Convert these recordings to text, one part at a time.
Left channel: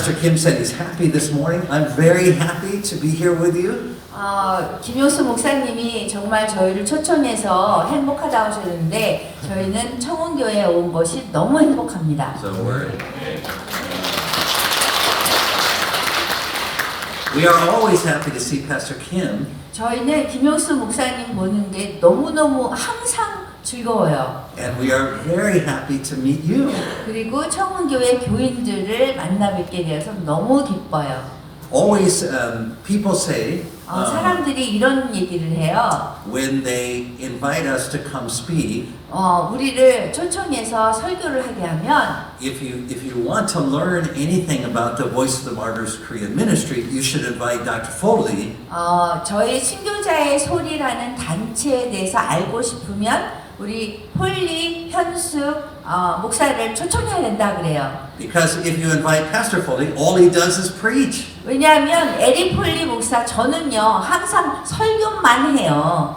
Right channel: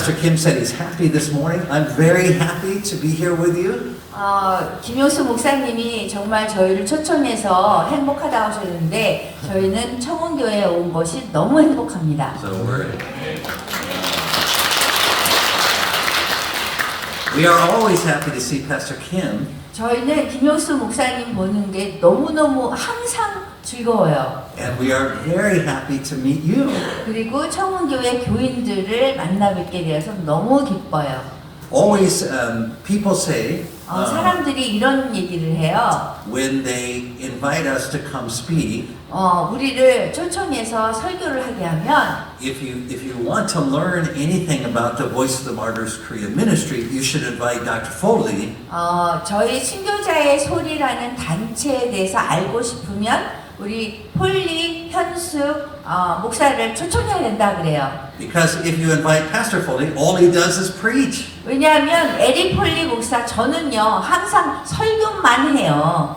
Pastor Kim said he's happy this morning. I'm very happy to be here with you. 김효수 목사님이 정말 저희를 초청해서 행복하다고 하셨는데 저희는 청원교회에 온 것이 너무 행복합니다. We are always happy to see Pastor Kim. 저희는 김효수 목사님 보는 게 너무너무 항상 즐거워요. And we are very happy to meet you. 그리고 청원교회 교인들을 만나 뵙게 되어서 너무 기뻐요. Always, people say 사람들이 이런 얘기를 해요. when they invite us to come speak, 우리를 초청해서 설교를 하게 하면 if you want to learn anything about the Voice of the Martyrs Korean ministry, you should invite Dr. Foley. 저희 순교자의 소리라는 단체에 대해서 알고 싶으면 우리 폴리 현수 목사를 초청해야 된다 그래요. Because if you invite Pastor Foley, all he does is preach. 왜냐하면 에리 폴리 목사 저는요 항상 설교만 해요.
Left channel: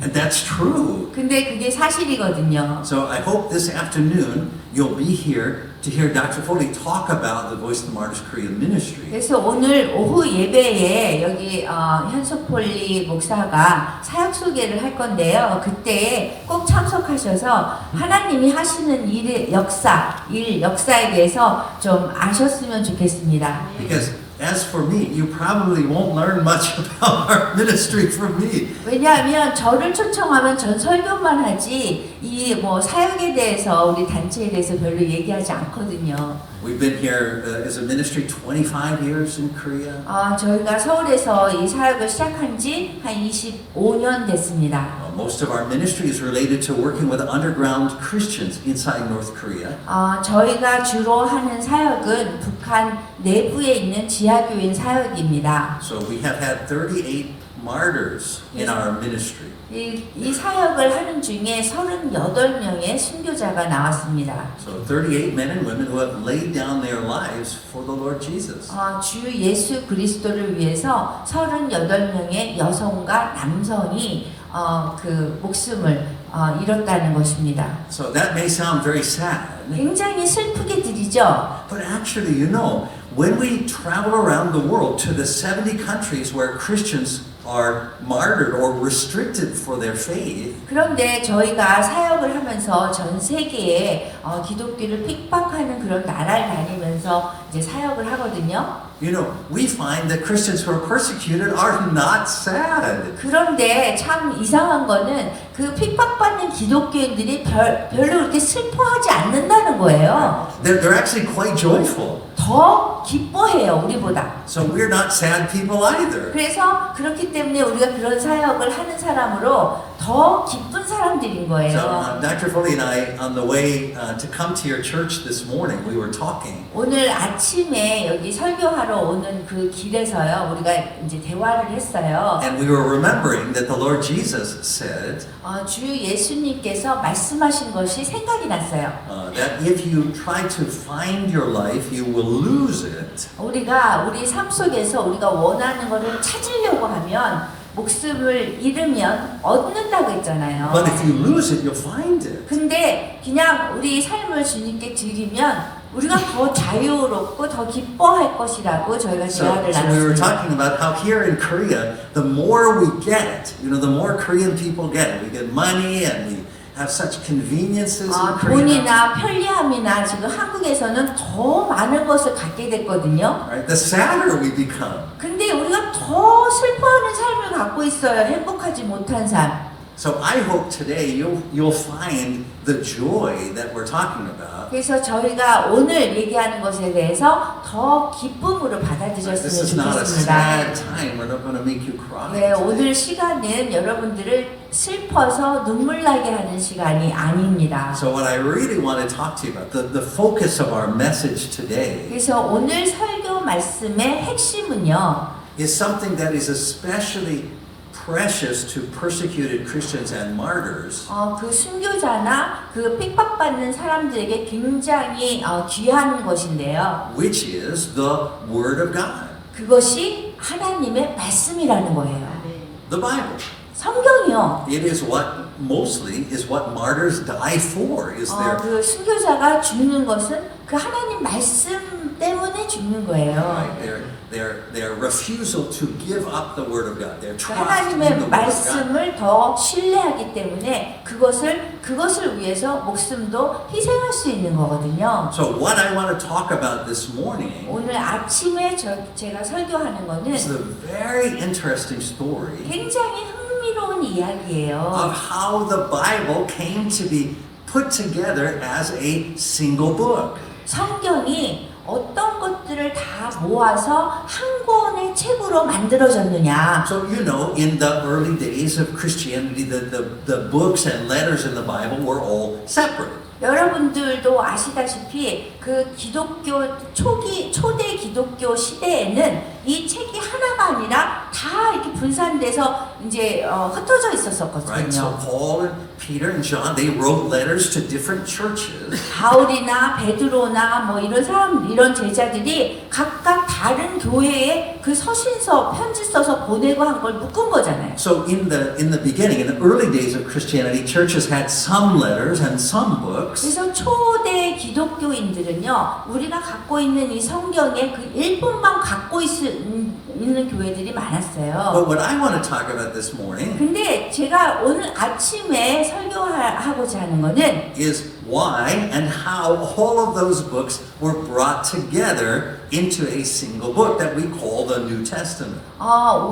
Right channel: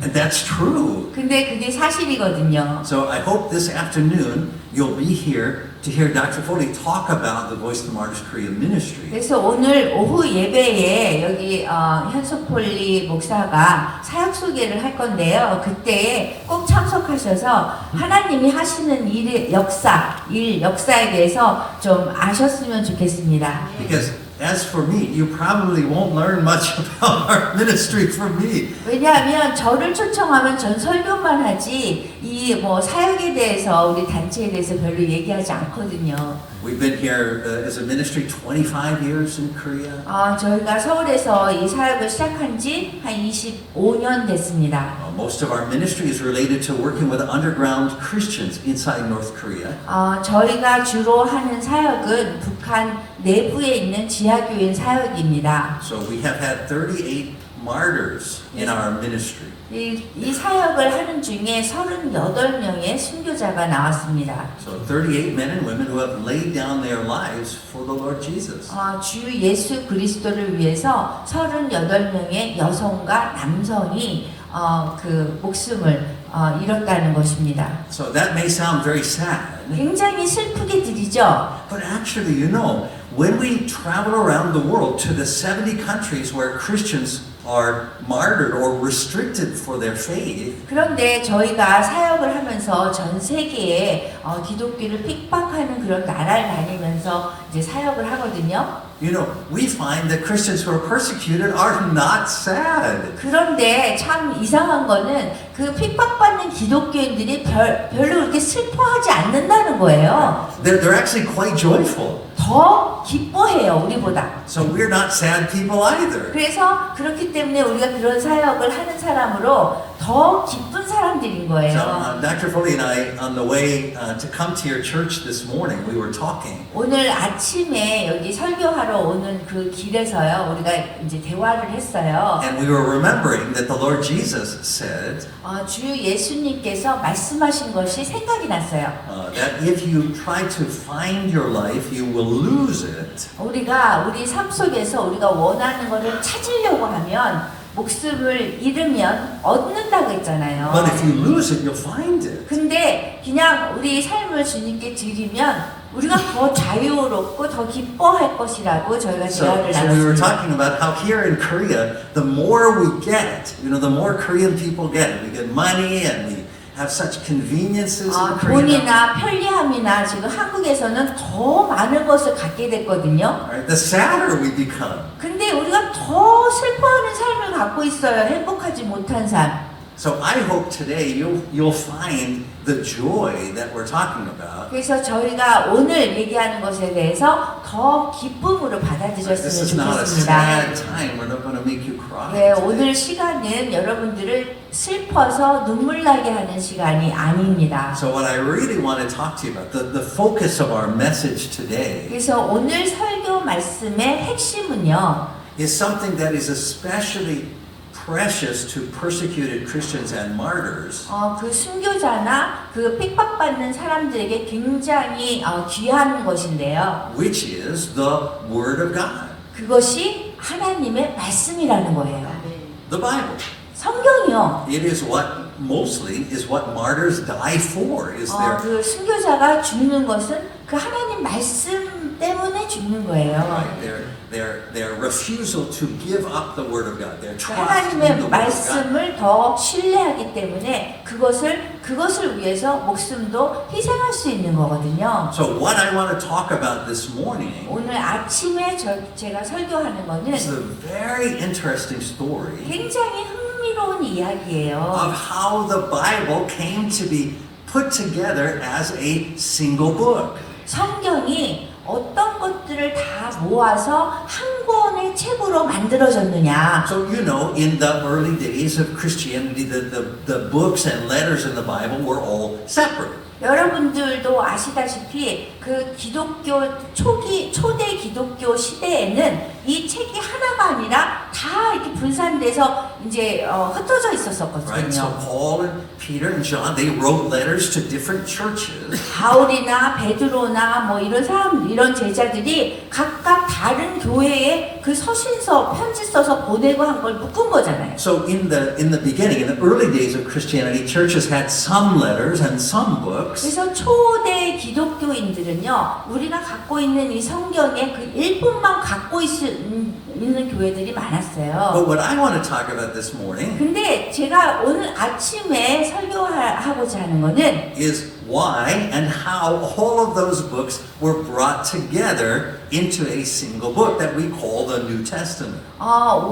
And that's true. 근데 그게 사실이거든요. So I hope this afternoon you'll be here to hear Dr. Foley talk about the Voice of the Martyrs Korean ministry. 그래서 오늘 오후 예배에 여기 현수 폴리 목사가 사역 소개를 할 건데요. 그때 꼭 참석하셔서 하나님이 하시는 일의 역사에 대해서 좀 아셨으면 좋겠습니다. Because as for me, you probably won't learn much about our ministry from me. 왜냐하면 저를 초청하면 전 설교만 하지 이 뭐 사역에 대해서 우리 단체에 대해서 별로 얘기하지 않거든요. We've been here as a ministry 25 years in Korea. 저희가 서울에서 이 사역을 시작한 지 한 25년 됐습니다. Most of our ministry is related to working with underground Christians inside North Korea. 저희가 주로 하는 사역은 북한 내부에 있는 지하교인 사역입니다. So we have had 38 martyrs in our ministry. 이 사역을 하는 중에 38명의 순교자가 나왔습니다. So 38 men and women who have laid down their lives for the Lord Jesus. 주 예수 그리스도를 위해서 38명의 여성과 남성이 그 목숨을 잃었다는 것입니다. So that may sound very sad. 굉장히 슬프게 들리죠. But actually, you know, when we travel around the world to the 70 countries where Christians are martyred or restricted for their faith, 그런데 저희가 사역을 하면서 전 세계에 기독교를 핍박하는 그런 나라를 다니면서 이제 사역을 하거든요. you know, we find that Christians who are persecuted are not sad. 그런데 참 이상한 거는 그 핍박받는 기독교인들이 별로 그렇게 슬퍼하지 않는다는 거예요. They're actually quite joyful. 더 기뻐해요, 우리보다. So we're not sad people either. 그래서 그렇기 때문에 우리가 그런 사역을 하는 사람으로 더 기쁜 사람들인 So 거예요. Dr. Foley and I, on the way to come to your church this morning, we were talking. 오늘 아침에 여기 설교하러 오는 그 길에서요, 우리가 이제 대화를 했어요. And we were remembering that the Lord Jesus said 주 예수님께서 말씀하신 것이 생각이 났어요. that if you try to find your life, you will lose it. 우리가 우리 삶 속에서 우리가 원하는 것을 찾으려고 하면 목숨을 잃으면 얻는다고 했잖아요. But if you lose it, you'll find it. 근데 그냥 우리 삶을 주님께 드리면 우리가 더 자유롭고 더 기뻐할 것이라고 저희가 대화를 So we were 나눴습니다. talking about how here in Korea, the more we get, you know, the more Korean people get. We get money and we have such conveniences in Korea. 돈이나 편리함이나 지금 한국에서는 더 많은 것을 갖게 됐거든요. Right? The sadder we become. 근데 우리가 더 슬퍼하는 삶을 갖고 있어요. 행복하지 못한 삶. So I hope today you'll find the joy that we're talking about. 그래서 저희가 오늘 얘기하는 것에 대해서 더 기쁨으로 This 받아들였으면 is not a 좋겠습니다. sad time. We're not going to make you cry. 네, 오늘 시간은 여러분들을 슬퍼서 눈물 나게 하는 시간이 아닙니다. So what I really want to talk to you about, the focus of our message today 그래서 오늘 설교 말씀의 핵심은요. is something that is especially precious to persecuted Christians and martyrs. 그 순교자나 그 핍박받는 사람들에게 굉장히 귀한 것인데요. Which is the Word of God, 그것이 하나님의 말씀이라는 거예요. the Bible. 성경이요. It is mostly what martyrs die for. Is their 그 순교자가 죽는 것은 그 하나님 말씀 때문에 죽는 거예요. Right? Their refusal to give up the Word of God, their trust in the 하나님의 Word of God. 말씀을 더 신뢰하기 때문에 그것을 위해서 목숨도 희생할 수 있는 거거든요. So what I want to talk about this morning 오늘 아침에 제가 설교하는 거는 is a very interesting story 굉장히 흥미로운 이야기예요. of how the Bible came to be put together as a single book. 성경이 어떤 것들을 다 모아서 한 권의 책으로 만들어졌느냐. So you know, in the early days of Christianity, the books and letters in the Bible were all separate. 여러분들도 아시다시피 그 기독교 초대 기독교 시대에는 이 책이 하나가 아니라 다 이렇게 분산돼서 이제 흩어져 Right? So 있었었거든요. Paul and Peter and John, they wrote letters to different churches. 바울이나 베드로나 뭐 이런 제자들이 각각 다른 교회에 그 서신서 편지 써서 보내고 한 걸 묶은 거잖아요. So in the beginning, in the early days of Christianity, churches had some letters and some books. 그래서 초대 기독교인들은요, 우리가 갖고 있는 이 성경의 그 일본만 갖고 있는 교회들이 많았어요. But what I want to talk about this morning 근데 제가 오늘 아침에 설교하고자 하는 거는 is why and how all of those books were brought together into a single book that we call the New Testament.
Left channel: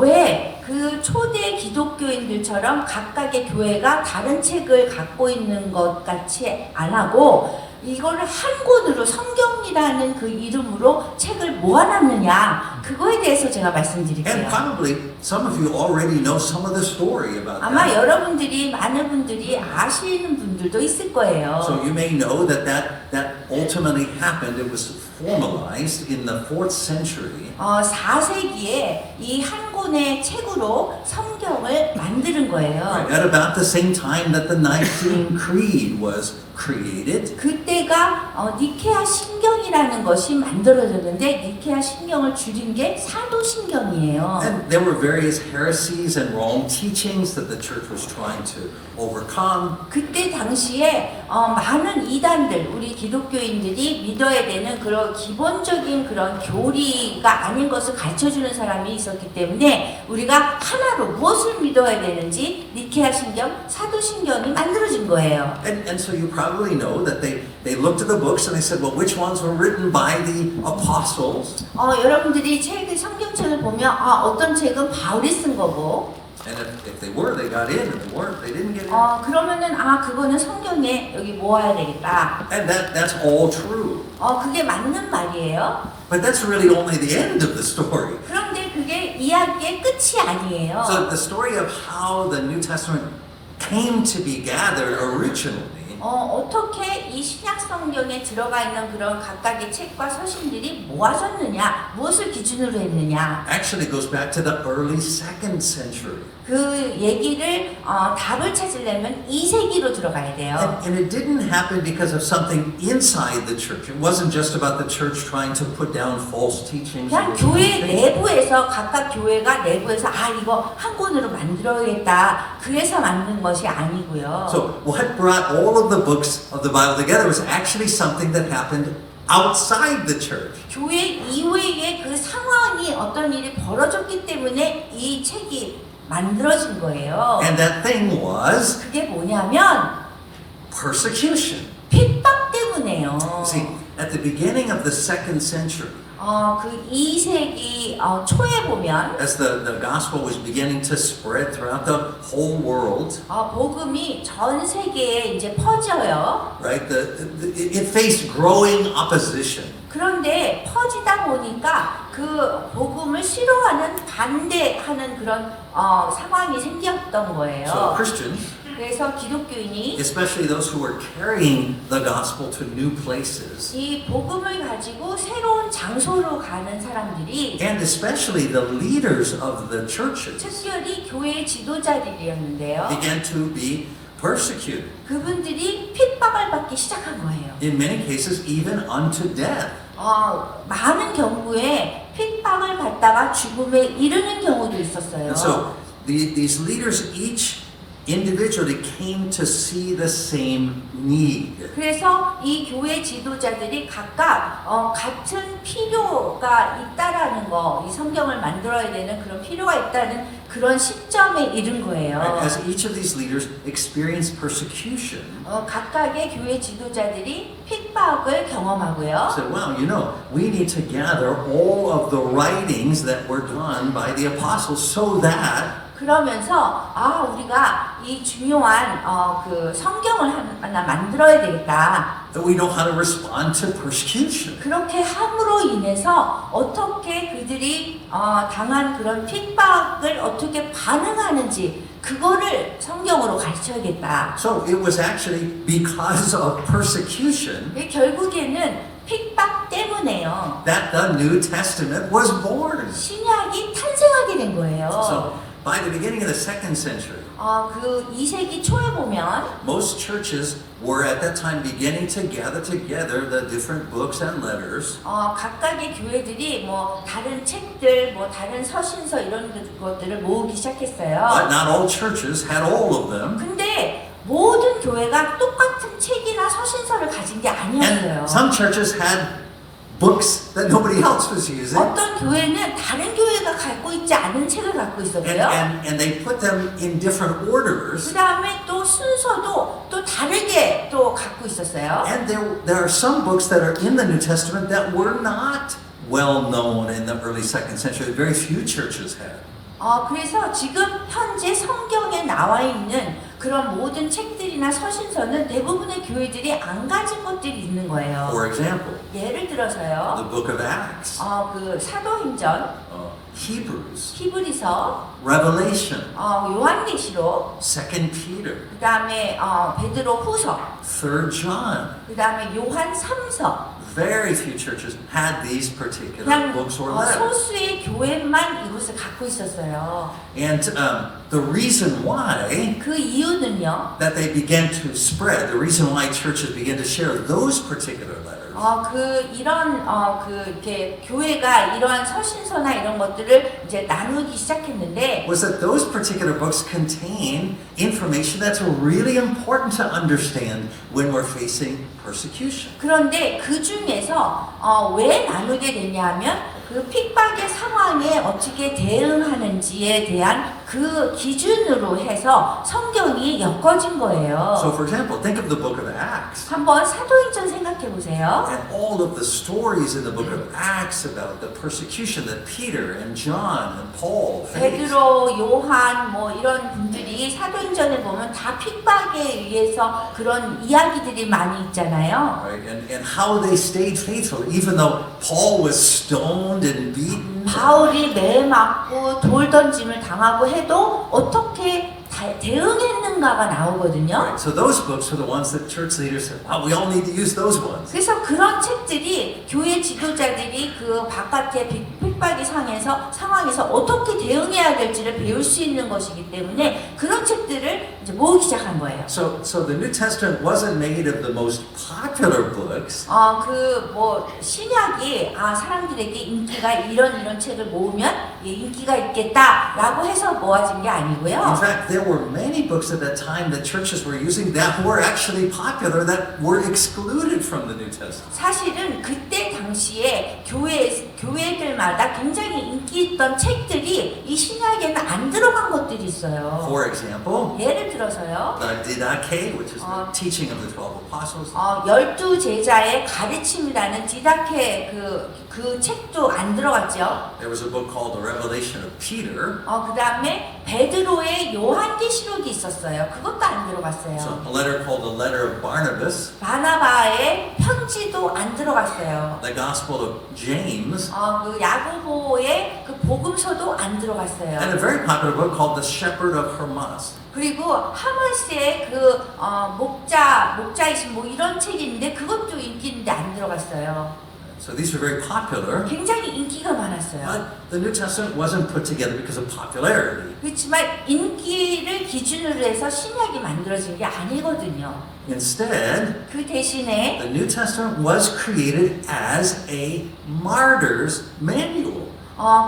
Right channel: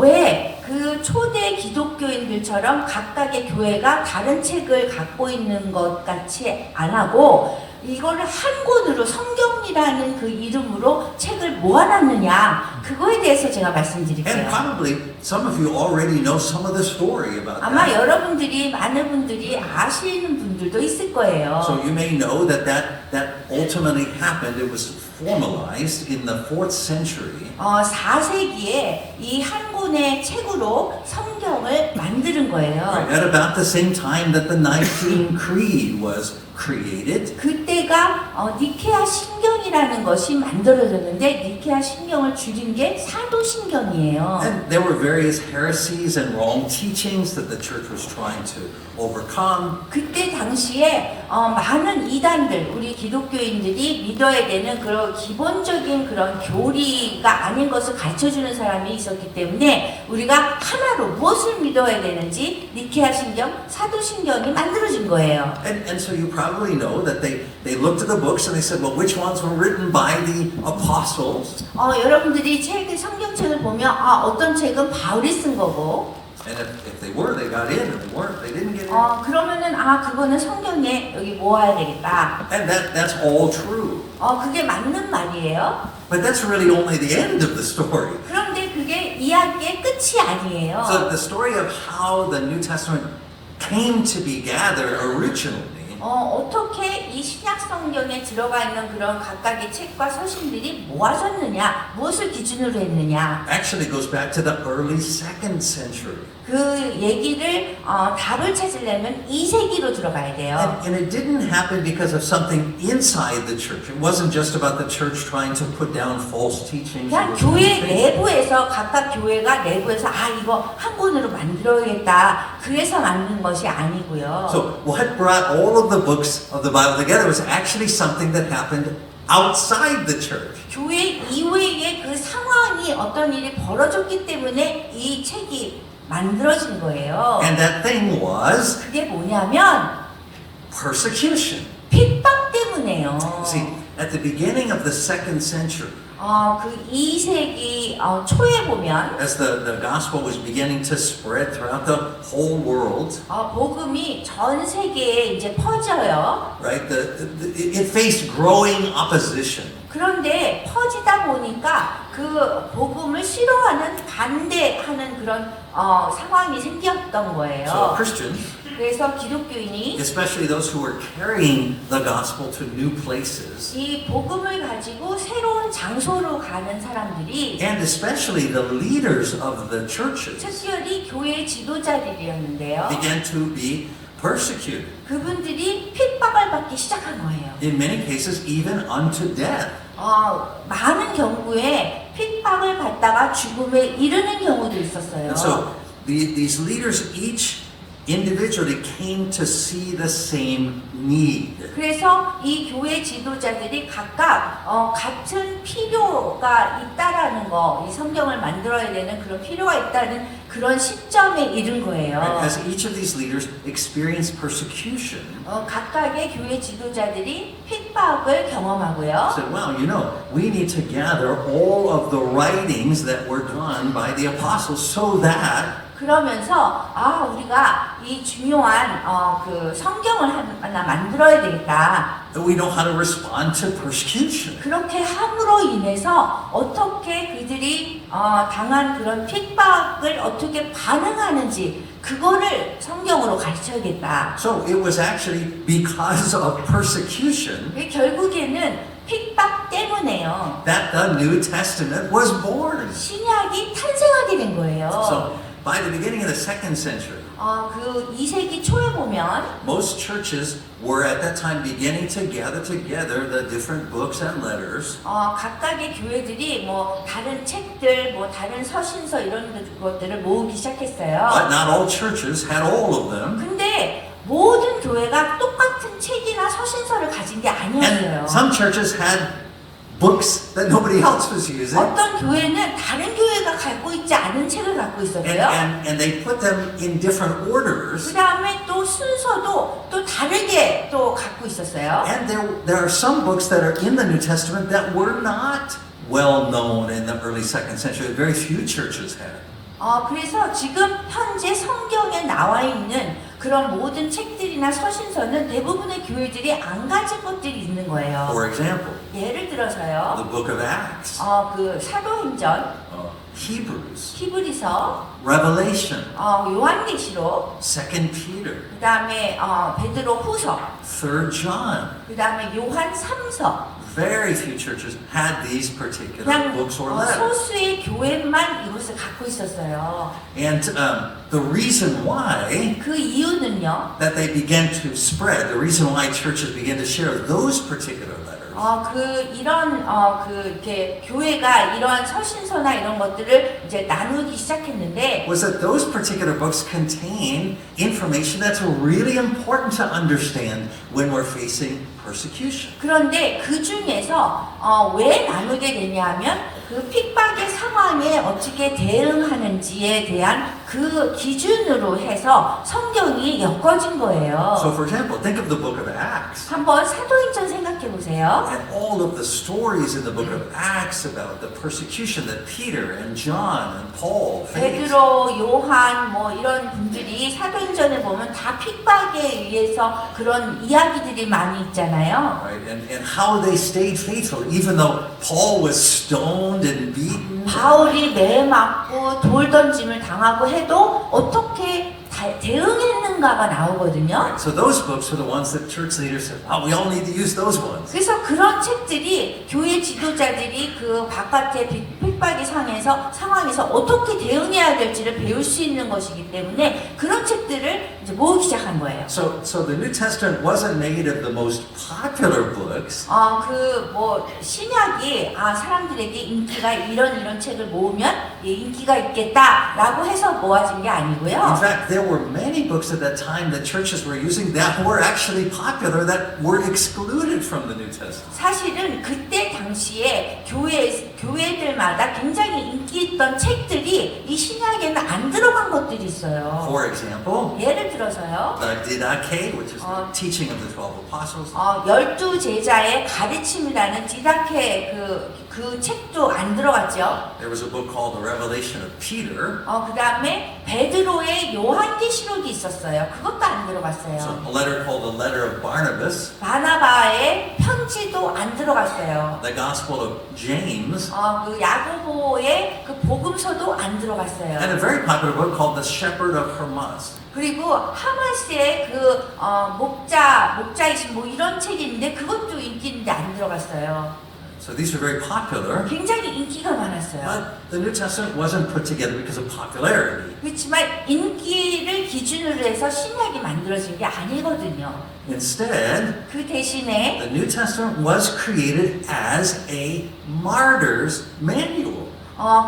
왜 그 초대 기독교인들처럼 각각의 교회가 다른 책을 갖고 있는 것 같이 안 하고 이거를 한 권으로 성경이라는 그 이름으로 책을 모아놨느냐 그거에 대해서 제가 And 말씀드릴게요. probably some of you already know some of the story about 아마 that. 여러분들이 많은 분들이 아시는 분들도 있을 거예요. So you may know that ultimately happened. It was formalized in the 4th century. 4세기에 이 한 권의 책으로 성경을 만드는 거예요. At about the same time that the Nicene Creed was created. 그때가 니케아 신경이라는 것이 만들어졌는데 니케아 신경을 줄인 게 사도신경이에요. And there were various heresies and wrong teachings that the church was trying to overcome. 그때 당시에 많은 이단들, 우리 기독교인들이 믿어야 되는 그런 기본적인 그런 교리가 아닌 것을 가르쳐주는 사람이 있었기 때문에 우리가 하나로 무엇을 믿어야 되는지 니케아 신경, 사도신경이 만들어진 거예요. And so you probably know that they looked at the books and they said, well, which ones were written by the apostles? 여러분들이 성경책을 보면 어떤 책은 바울이 쓴 거고 And if they were, they got in. If they weren't, they didn't get in. 그러면은 그거는 성경에 여기 모아야 되겠다. And that's all true. 그게 맞는 말이에요. But that's really only the end of the story. 그런데 그게 이야기의 끝이 아니에요. So the story of how the New Testament came to be gathered originally 어떻게 이 신약 성경에 들어가 있는 그런 각각의 책과 서신들이 모아졌느냐, 무엇을 기준으로 했느냐. actually goes back to the early 2nd century. 그 얘기를 답을 찾으려면 2세기로 들어가야 돼요. And it didn't happen because of something inside the church. It wasn't just about the church trying to put down false teachings. 그냥 교회 내부에서 각각 교회가 내부에서 이거 한 권으로 만들어야겠다. 그래서 만든 것이 아니고요. So what brought all of the books of the Bible together was actually something that happened outside the church. 교회 이외의 그 상황이 어떤 일이 벌어졌기 때문에 이 책이 만들어진 거예요. And that thing was 그게 뭐냐면 persecution. 핍박 때문에요. See, at the beginning of the 2nd century, 그 2세기 초에 보면 as the gospel was beginning to spread throughout the whole world, 복음이 전 세계에 이제 퍼져요. right? It faced growing opposition. 그런데 퍼지다 보니까 그 복음을 싫어하는 반대하는 그런 상황이 생겼던 So 거예요. Christians, 그래서 기독교인이 especially those who were carrying the gospel to new places, 이 복음을 가지고 새로운 장소로 가는 사람들이 and especially the leaders of the churches, 특별히 교회 지도자들이었는데요. began to be persecuted. 그분들이 핍박을 받기 시작한 거예요. In many cases, even unto death. 많은 경우에 핍박을 받다가 죽음에 이르는 경우도 있었어요. And so these leaders each individually came to see the same need. 그래서 이 교회 지도자들이 각각 같은 필요가 있다라는 거, 이 성경을 만들어야 되는 그런 필요가 있다는 그런 시점에 이른 거예요. As each of these leaders experienced persecution, 각각의 교회 지도자들이 핍박을 경험하고요. said, well, you know, we need to gather all of the writings that were done by the apostles so that 그러면서 우리가 이 중요한 그 성경을 하나 만들어야 되겠다. we know how to respond to persecution. 그렇게 함으로 인해서 어떻게 그들이 당한 그런 핍박을 어떻게 반응하는지 그거를 성경으로 가르쳐야겠다. So it was actually because of persecution 결국에는 핍박 때문에요. that the New Testament was born. 신약이 탄생하게 된 거예요. So by the beginning of the second century, 그 2세기 초에 보면 most churches were at that time beginning to gather together the different books and letters. 각각의 교회들이 뭐 다른 책들, 뭐 다른 서신서 이런 것들을 모으기 시작했어요. But not all churches had all of them. 근데 모든 교회가 똑같은 책이나 서신서를 가진 게 아니었어요. And some churches had books that nobody else was using. 어떤 교회는 다른 교회가 갖고 있지 않은 책을 갖고 있었어요. And they put them in different orders. 그 다음에 또 순서도 또 다르게 또 갖고 있었어요. And there are some books that are in the New Testament that were not well known in the early second century. Very few churches had. 그래서 지금 현재 성경에 나와 있는 그런 모든 책들이나 서신서는 대부분의 교회들이 안 가진 것들이 있는 거예요. For example, 예를 들어서요. the book of Acts, 그 사도행전, Hebrews, 히브리서, Revelation, 요한계시록, Second Peter, 그다음에 베드로 후서, Third John. 그다음에 요한 3서. Very few churches had these particular 그냥 books or letters. 소수의 교회만 이것을 갖고 있었어요. And the reason why 그 이유는요. that they began to spread, the reason why churches began to share those particular letters 이렇게 교회가 이러한 서신서나 이런 것들을 이제 나누기 시작했는데 was that those particular books contain information that's really important to understand when we're facing persecution. 그런데 그 중에서 왜 나누게 되냐면 그 핍박의 상황에 어떻게 대응하는지에 대한 그 기준으로 해서 성경이 엮어진 거예요. So for example, think of the book of Acts. 한번 사도행전 생각해 보세요. And all of the stories in the book of Acts about the persecution that Peter and John and Paul faced. 베드로, 요한 뭐 이런 분들이 사도행전에 보면 다 핍박에 의해서 그런 이야기들이 많이 있잖아요. Right? And how they stayed faithful, even though Paul was stoned and beaten. 바울이 매 맞고 돌 던짐을 당하고 해도 어떻게 대응했는가가 나오거든요. So those books are the ones that church leaders said, wow, we all need to use those ones. 그래서 그런 책들이 교회 지도자들이 그 바깥의 핍박의 상황에서 어떻게 대응해야 될지를 배울 수 있는 것이기 때문에 그런 책들을 이제 모으기 시작한 거예요. So the New Testament wasn't made of the most popular books. 신약이 사람들에게 인기가 이런 책을 모으면 인기가 있겠다라고 해서 모아진 게 In 아니고요. fact, there were many books at that time that churches were using that were actually popular that were excluded from the New Testament. 사실은 그때 당시에 교회들마다 굉장히 인기 있던 책들이 이 신약에는 안 들어간 것들이 있어요. For example, 예를 들어서요. the Didache, which is the teaching of the 12 apostles. 12 제자의 가르침이라는 디다케 그 책도 안 들어갔죠. There was a book called The Revelation of Peter. 그 다음에 베드로의 요한계시록이 있었어요. 그것도 안 들어갔어요. So a letter called the Letter of Barnabas. 바나바의 편지도 안 들어갔어요. The Gospel of James. 그 야고보의 그 복음서도 안 들어갔어요. And a very popular book called The Shepherd of Hermas. 그리고 하마스의 그 목자이신 뭐 이런 책이 있는데 그것도 인기 있는데 안 들어갔어요. So these are very popular. 굉장히 인기가 많았어요. But the New Testament wasn't put together because of popularity. 그렇지만 인기를 기준으로 해서 신약이 만들어진 게 아니거든요. Instead, 그 대신에 the New Testament was created as a martyr's manual.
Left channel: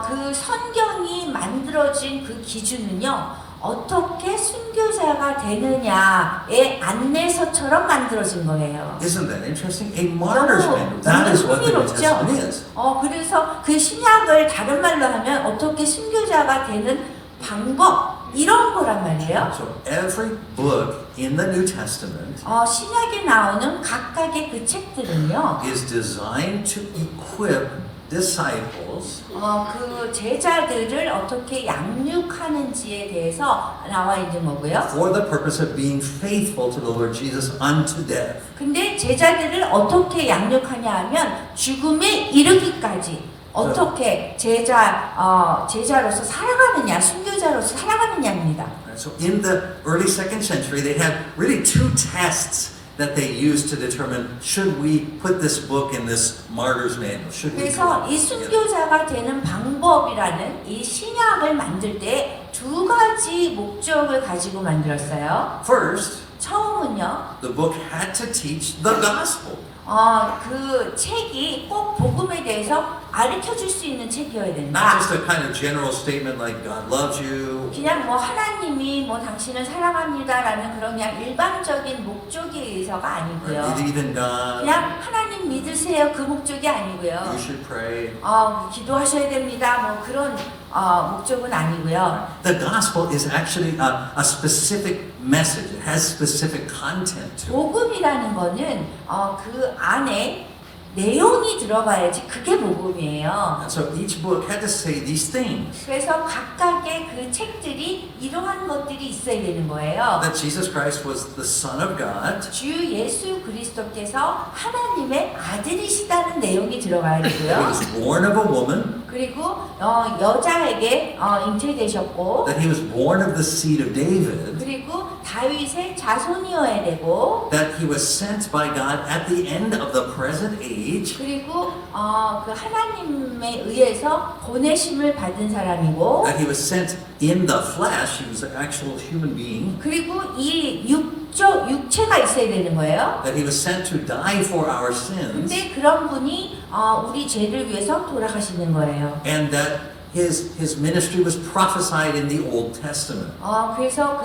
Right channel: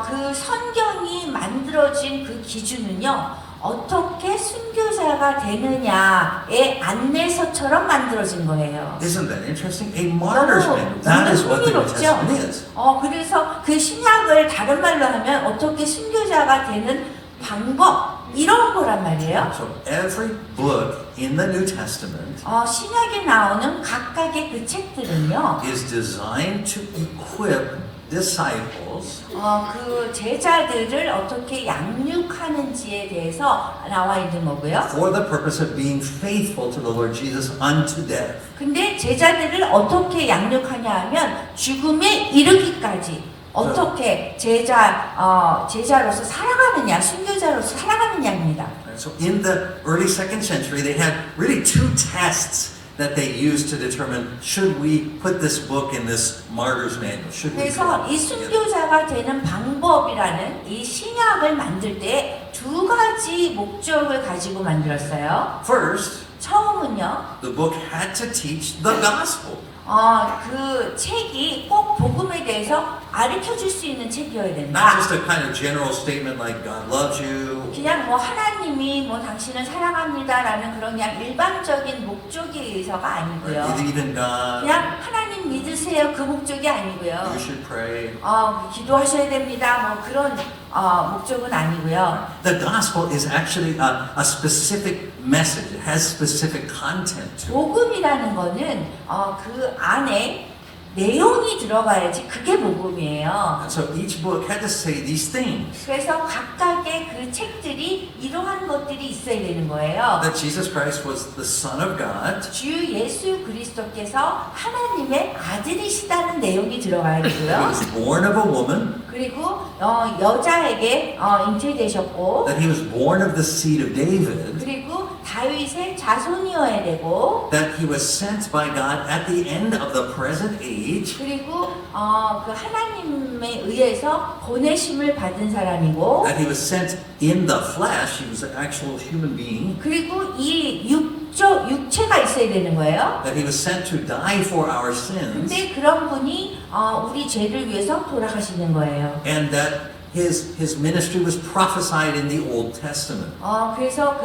그 성경이 만들어진 그 기준은요. 어떻게 순교자가 되느냐의 안내서처럼 만들어진 거예요. Isn't that interesting? A martyr's manual. That is what the New Testament is. 그래서 그 신약을 다른 말로 하면 어떻게 순교자가 되는 방법 이런 거란 말이에요. So every book in the New Testament 신약에 나오는 각각의 그 책들은요. is designed to equip disciples 그 제자들을 어떻게 양육하는지에 대해서 나와 있는 거고요. for the purpose of being faithful to the Lord Jesus unto death. 근데 제자들을 어떻게 양육하냐 하면 죽음에 이르기까지 어떻게 제자로서 살아가느냐, 순교자로서 살아가느냐입니다. So in the early second century, they had really two tests that they used to determine should we put this book in this martyr's manual. Should we? 그래서 이 순교자가 되는 방법이라는 이 신약을 만들 때 두 가지 목적을 가지고 만들었어요. First, 처음은요. the book had to teach the gospel. 그 책이 꼭 복음에 대해서 가르쳐 줄 수 있는 책이어야 Not 된다. just a kind of general statement like God loves you. 그냥 하나님이 당신을 사랑합니다라는 그런 그냥 일반적인 목적에 의해서가 You 아니고요. believe in God. 그냥 하나님 믿으세요 그 목적이 아니고요. You should pray. 기도하셔야 됩니다. 그런 목적은 아니고요. The gospel is actually a specific message. It has specific content. 복음이라는 거는 그 안에 내용이 들어가야지 그게 복음이에요. And so each book had to say these things. 그래서 각각의 그 책들이 이러한 것들이 있어야 되는 거예요. That Jesus Christ was the Son of God. 주 예수 그리스도께서 하나님의 아들이시다는 내용이 들어가야 That he 되고요. was born of a woman. 그리고 여자에게 잉태되셨고, That he was born of the seed of David. 그리고 다윗의 자손이어야 되고, That he was sent by God at the end of the present age. 그리고 그 하나님에 의해서 보내심을 받은 사람이고, That he was sent in the flesh. He was an actual human being. 그리고 이 육체가 있어야 되는 거예요. That he was sent to die for our sins. 근데 그런 분이 우리 죄를 위해서 돌아가시는 거예요. And that his ministry was prophesied in the Old Testament. 그래서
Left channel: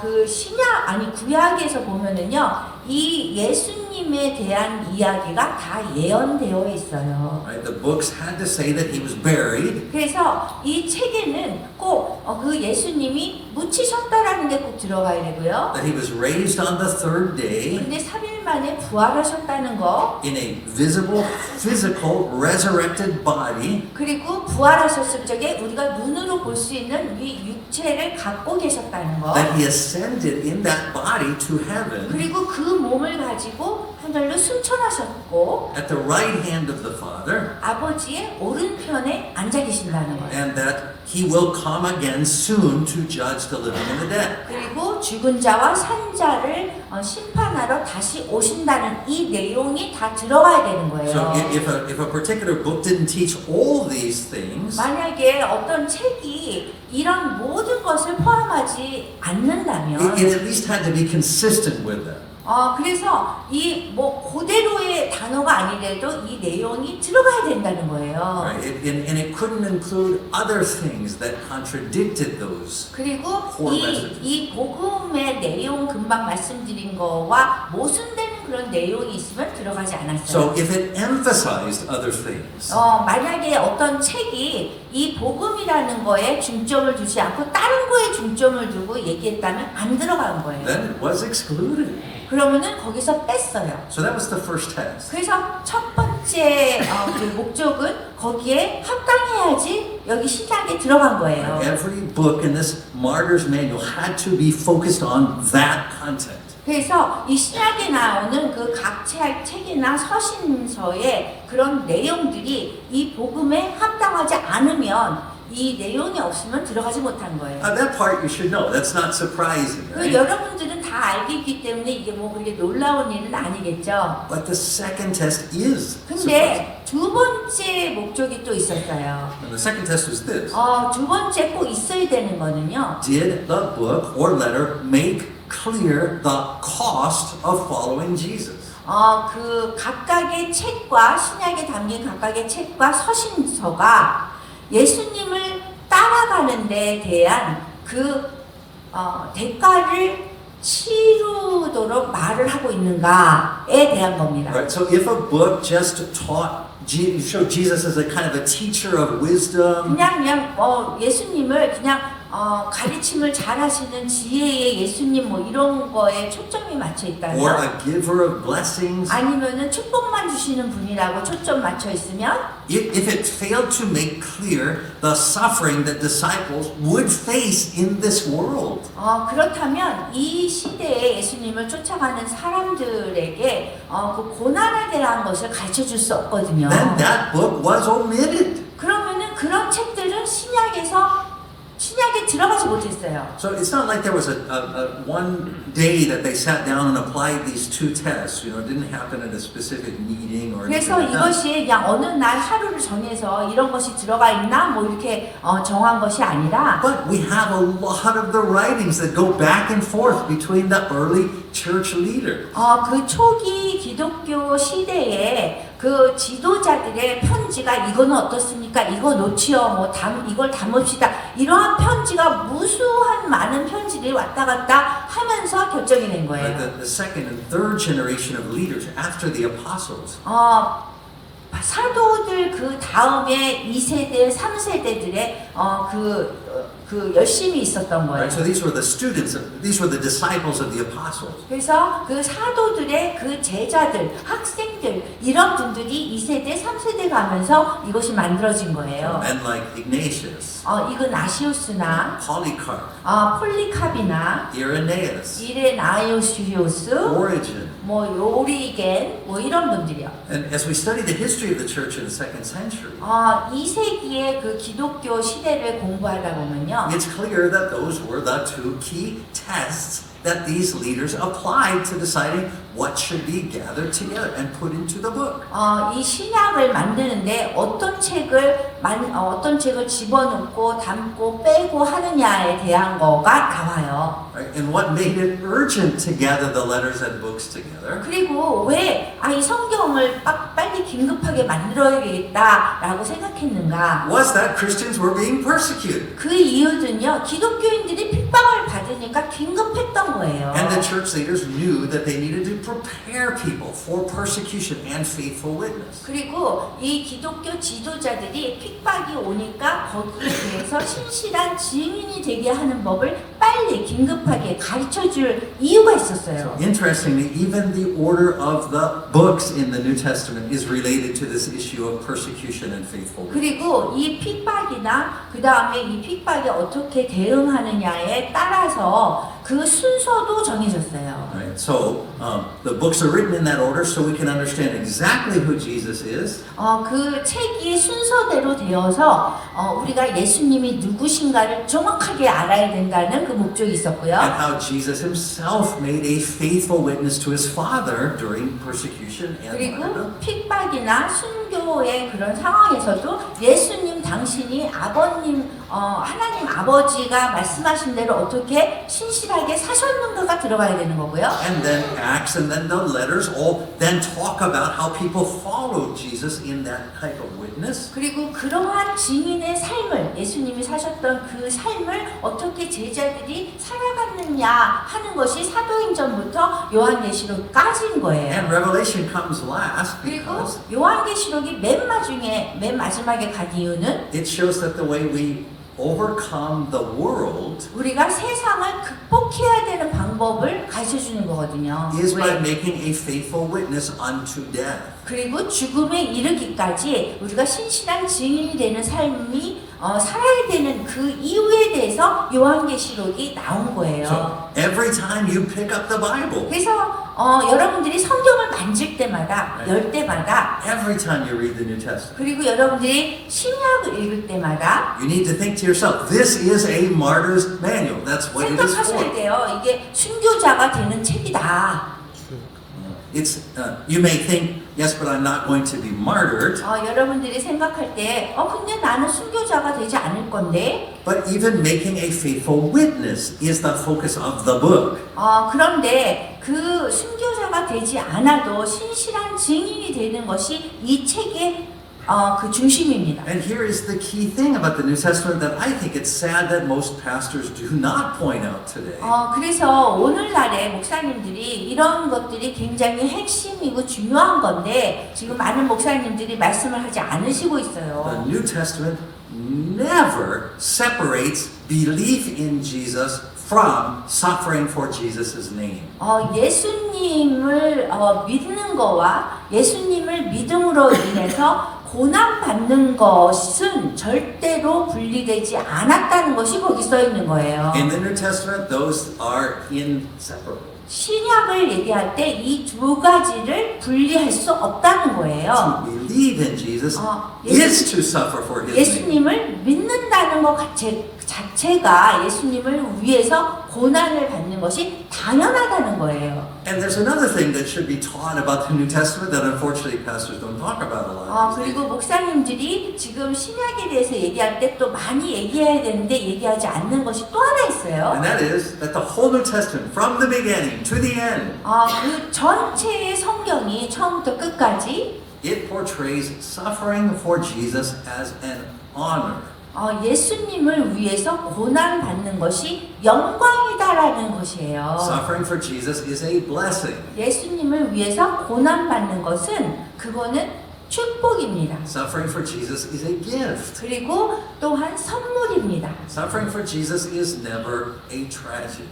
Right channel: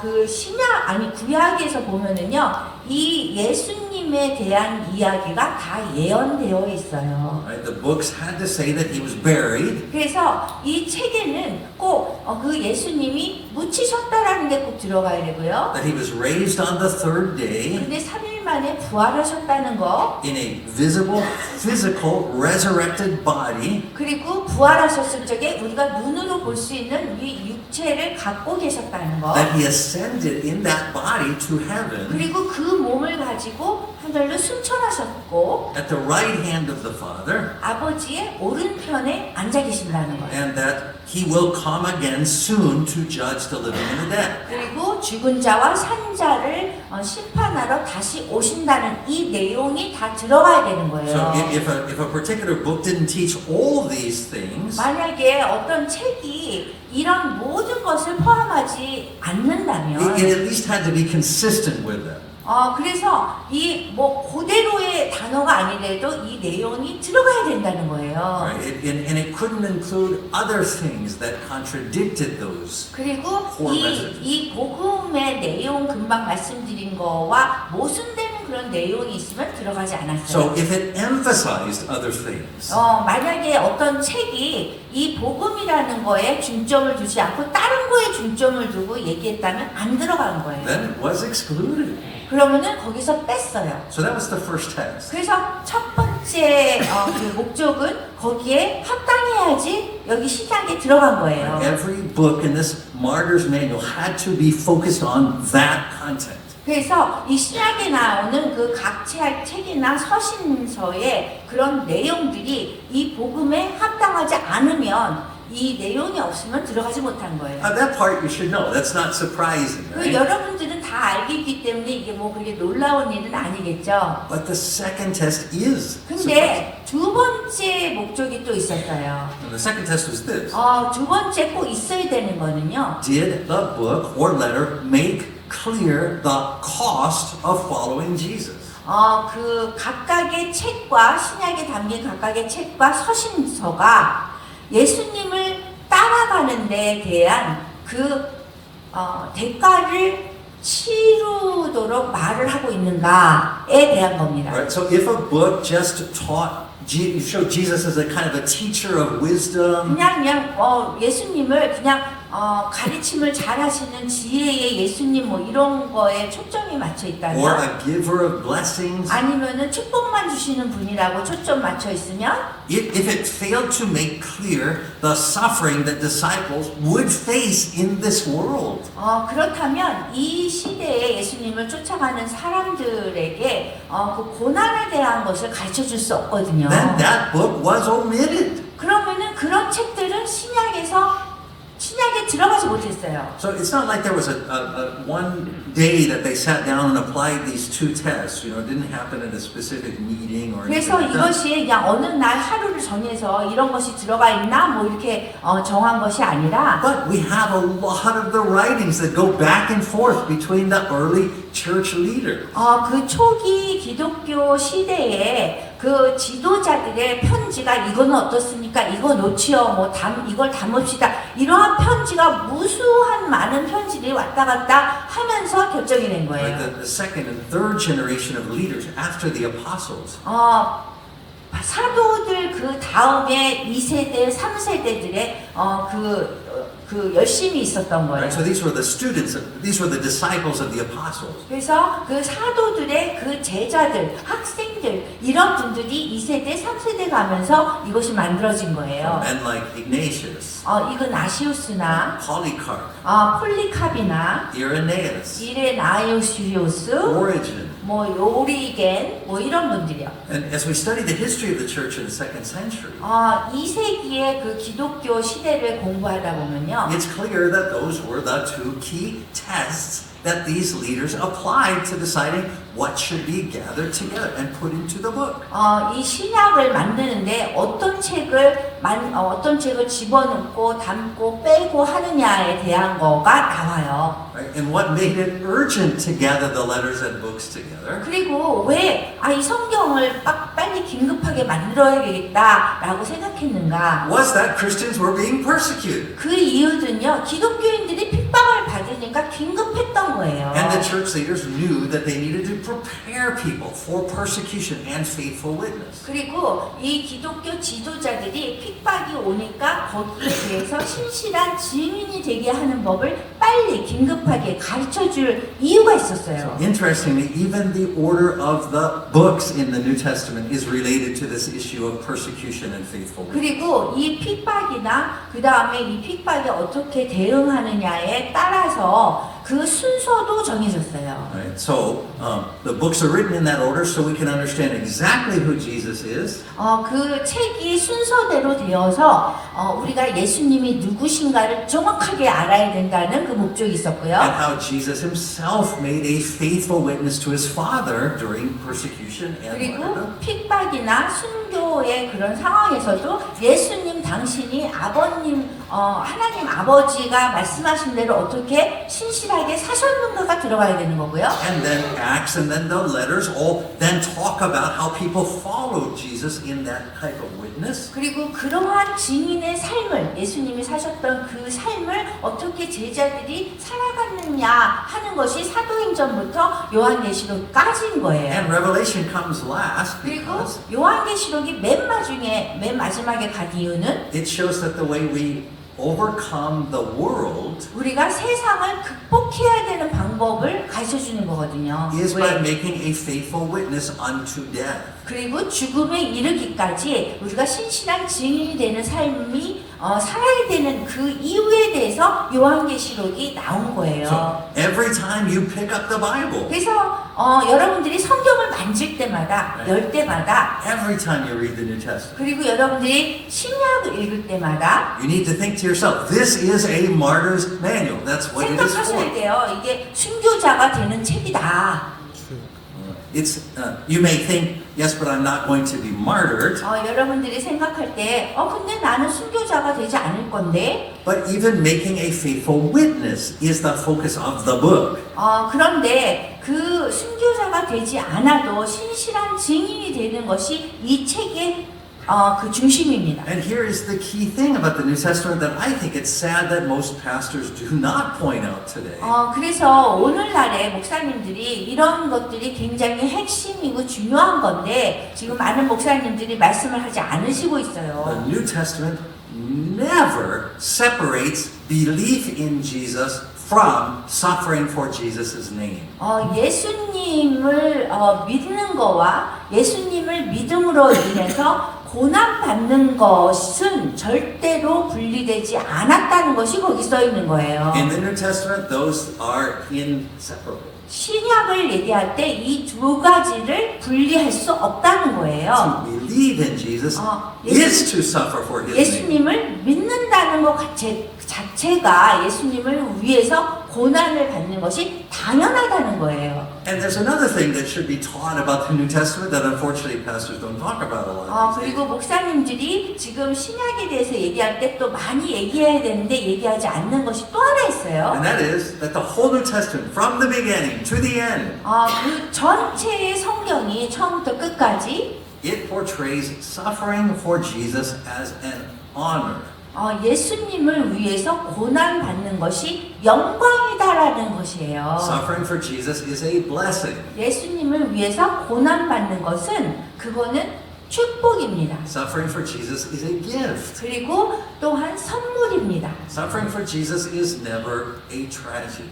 그 신약 구약에서 보면은요, 이 예수님에 대한 이야기가 다 예언되어 있어요. Right? The books had to say that he was buried. 그래서 이 책에는 꼭 그 예수님이 묻히셨다라는 게 꼭 들어가야 되고요. That he was raised on the third day 근데 3일 만에 부활하셨다는 거, in a visible, physical, resurrected body. 그리고 부활하셨을 적에 우리가 눈으로 볼 수 있는 이 육체를 갖고 계셨다는 거, That he ascended in that body to heaven 그리고 그 몸을 가지고 하늘로 승천하셨고 at the right hand of the Father. 아버지의 오른편에 앉아 계신다는 거예요. And that he will come again soon to judge the living and the dead. 그리고 죽은 자와 산 자를 심판하러 다시 오신다는 이 내용이 다 들어가야 되는 So 거예요. if a particular book didn't teach all these things, 만약에 어떤 책이 이런 모든 것을 포함하지 않는다면, it at least had to be consistent with them. 그래서 이 그대로의 단어가 아니래도 이 내용이 들어가야 된다는 거예요. Right? And it couldn't include other things that contradicted those. 그리고 이 복음의 내용 금방 말씀드린 거와 모순되는 그런 내용이 있으면 들어가지 않았어요. So if it emphasized other things, 만약에 어떤 책이 이 복음이라는 거에 중점을 두지 않고 다른 거에 중점을 두고 얘기했다면 안 들어간 거예요. then it was excluded. 그러면은 거기서 뺐어요. So that was the first test. 그래서 첫 번째 그 목적은 거기에 합당해야지 여기 신약에 들어간 거예요. Every book in this martyr's manual had to be focused on that content. 그래서 이 신약에 나오는 그 각 책이나 서신서의 그런 내용들이 이 복음에 합당하지 않으면 이 내용이 없으면 들어가지 못한 거예요. Now that part you should know. That's not surprising. 그 Right? 여러분들은 다 알고 있기 때문에 이게 그렇게 놀라운 일은 아니겠죠. But the second test is surprising. 근데 두 번째 목적이 또 있었어요. And the second test was this. 두 번째 꼭 있어야 되는 거는요. Did the book or letter make clear the cost of following Jesus? 그 각각의 책과 신약에 담긴 각각의 책과 서신서가 예수님을 따라가는 데에 대한 그 대가를 치르도록 말을 하고 있는가에 대한 겁니다. Right? So if a book just taught, showed Jesus as a kind of a teacher of wisdom, 그냥 예수님을 그냥 가르침을 잘하시는 지혜의 예수님 뭐 이런 거에 초점이 맞춰 or 있다면 a giver of blessings, 아니면은 축복만 주시는 분이라고 초점 맞춰 있으면 if it failed to make clear the suffering that disciples would face in this world, 그렇다면 이 시대에 예수님을 쫓아가는 사람들에게 그 고난에 대한 것을 가르쳐 줄 수 없거든요. then that book was omitted. 그러면은 그런 책들은 신약에 들어가지 못했어요. So it's not like there was a one day that they sat down and applied these two tests. You know, it didn't happen at a specific meeting or anything 그래서 like that. 이것이 그냥 어느 날 하루를 정해서 이런 것이 들어가 있나 뭐 이렇게 정한 것이 아니라 But we have a lot of the writings that go back and forth between the early church leaders. 그 초기 기독교 시대에 그 지도자들의 편지가 이거는 어떻습니까? 이거 놓치요. 뭐 이걸 담읍시다. 이러한 편지가 무수한 많은 편지들이 왔다 갔다 하면서 결정이 된 거예요. The second and third generation of leaders after the apostles. 사도들 그 다음에 2세대, 3세대들의 그 열심히 있었던 거예요. Right? So these were the students, these were the disciples of the apostles. 그래서 그 사도들의 그 제자들, 학생들 이런 분들이 2세대, 3세대 가면서 이것이 만들어진 거예요. Men like Ignatius, 이거 나시우스나 Polycarp, 폴리캅이나 Irenaeus, 이레나이오시우스, Origen. 뭐 요리겐 뭐 이런 분들이요. And as we study the history of the church in the second century, 2세기의 그 기독교 시대를 공부하다 보면요. it's clear that those were the two key tests that these leaders applied to deciding what should be gathered together and put into the book. 이 신약을 만드는데 어떤 책을 집어넣고 담고 빼고 하느냐에 대한 거가 나와요. Right? And what made it urgent to gather the letters and books together 그리고 왜 이 성경을 빨리 긴급하게 만들어야겠다라고 생각했는가? was that Christians were being persecuted. 그 이유는요, 기독교인들이 핍박을 받으니까 긴급했던 거예요. And the church leaders knew that they needed to prepare people for persecution and faithful witness. 그리고 이 기독교 지도자들이 핍박이 오니까 거기에 대해서 신실한 증인이 되게 하는 법을 빨리 긴급하게 가르쳐 줄 이유가 있었어요. Interestingly, even the order of the books in the New Testament is related to this issue of persecution and faithful witness. 그리고 이 핍박이나 그 다음에 이 핍박에 어떻게 대응하느냐에 따라서 그 순서도 정해졌어요. Right? So the books are written in that order so we can understand exactly who Jesus is. 그 책이 순서대로 되어서 우리가 예수님이 누구신가를 정확하게 알아야 된다는 그 목적이 있었고요. And how Jesus himself made a faithful witness to his Father during persecution and 그리고 martyrdom. 핍박이나 순교의 그런 상황에서도 예수님 당신이 하나님 아버지가 말씀하신 대로 어떻게 신실하게 사셨는가가 들어가야 되는 거고요. And then Acts and then the letters all then talk about how people followed Jesus in that type of witness. 그리고 그러한 증인의 삶을 예수님이 사셨던 그 삶을 어떻게 제자들이 살아갔느냐 하는 것이 사도행전부터 요한계시록까지인 거예요. And Revelation comes last 그리고 because 요한계시록이 맨 마지막에 간 이유는 it shows that the way we overcome the world 우리가 세상을 극복해야 되는 방법을 가르쳐 주는 거거든요. is by 왜? making a faithful witness unto death. 그리고 죽음에 이르기까지 우리가 신실한 증인이 되는 삶이 살아야 되는 그 이유에 대해서 요한계시록이 나온 거예요. So every time you pick up the Bible, 그래서 여러분들이 성경을 만질 때마다, 열 때마다, every time you read the New Testament, 그리고 여러분들이 신약을 읽을 때마다 you need to think to yourself, this is a martyr's manual. That's what it is 생각하셔야 for. 돼요. 이게 순교자가 되는 책이다. It's you may think, yes, but I'm not going to be martyred. 여러분들이 생각할 때, 근데 나는 순교자가 되지 않을 건데, But even making a faithful witness is the focus of the book. 그런데 그 순교자가 되지 않아도 신실한 증인이 되는 것이 이 책의 그 중심입니다. And here is the key thing about the New Testament that I think it's sad that most pastors do not point out today. 그래서 오늘날의 목사님들이 이런 것들이 굉장히 핵심이고 중요한 건데 지금 많은 목사님들이 말씀을 하지 않으시고 The 있어요. New Testament never separates belief in Jesus from suffering for Jesus' name. 예수님을 믿는 거와 예수님을 믿음으로 인해서 고난받는 것은 절대로 분리되지 않았다는 것이 거기 써 있는 거예요. In the New Testament, those are inseparable. 신약을 얘기할 때 이 두 가지를 분리할 수 없다는 거예요. To believe in Jesus is to suffer for His name. 예수님을 믿는다는 것 자체가 예수님을 위해서 고난을 받는 것이 당연하다는 거예요. And there's another thing that should be taught about the New Testament that unfortunately pastors don't talk about a lot. 그리고 목사님들이 지금 신약에 대해서 얘기할 때 또 많이 얘기해야 되는데 얘기하지 않는 것이 또 하나 있어요. And that is that the whole New Testament, from the beginning to the end, 그 전체의 성경이 처음부터 끝까지 it portrays suffering for Jesus as an honor. 예수님을 위해서 고난 받는 것이 영광이다라는 것이에요. Suffering for Jesus is a blessing. 예수님을 위해서 고난 받는 것은 그거는 축복입니다. Suffering for Jesus is a gift. 그리고 또한 선물입니다. Suffering for Jesus is never a tragedy.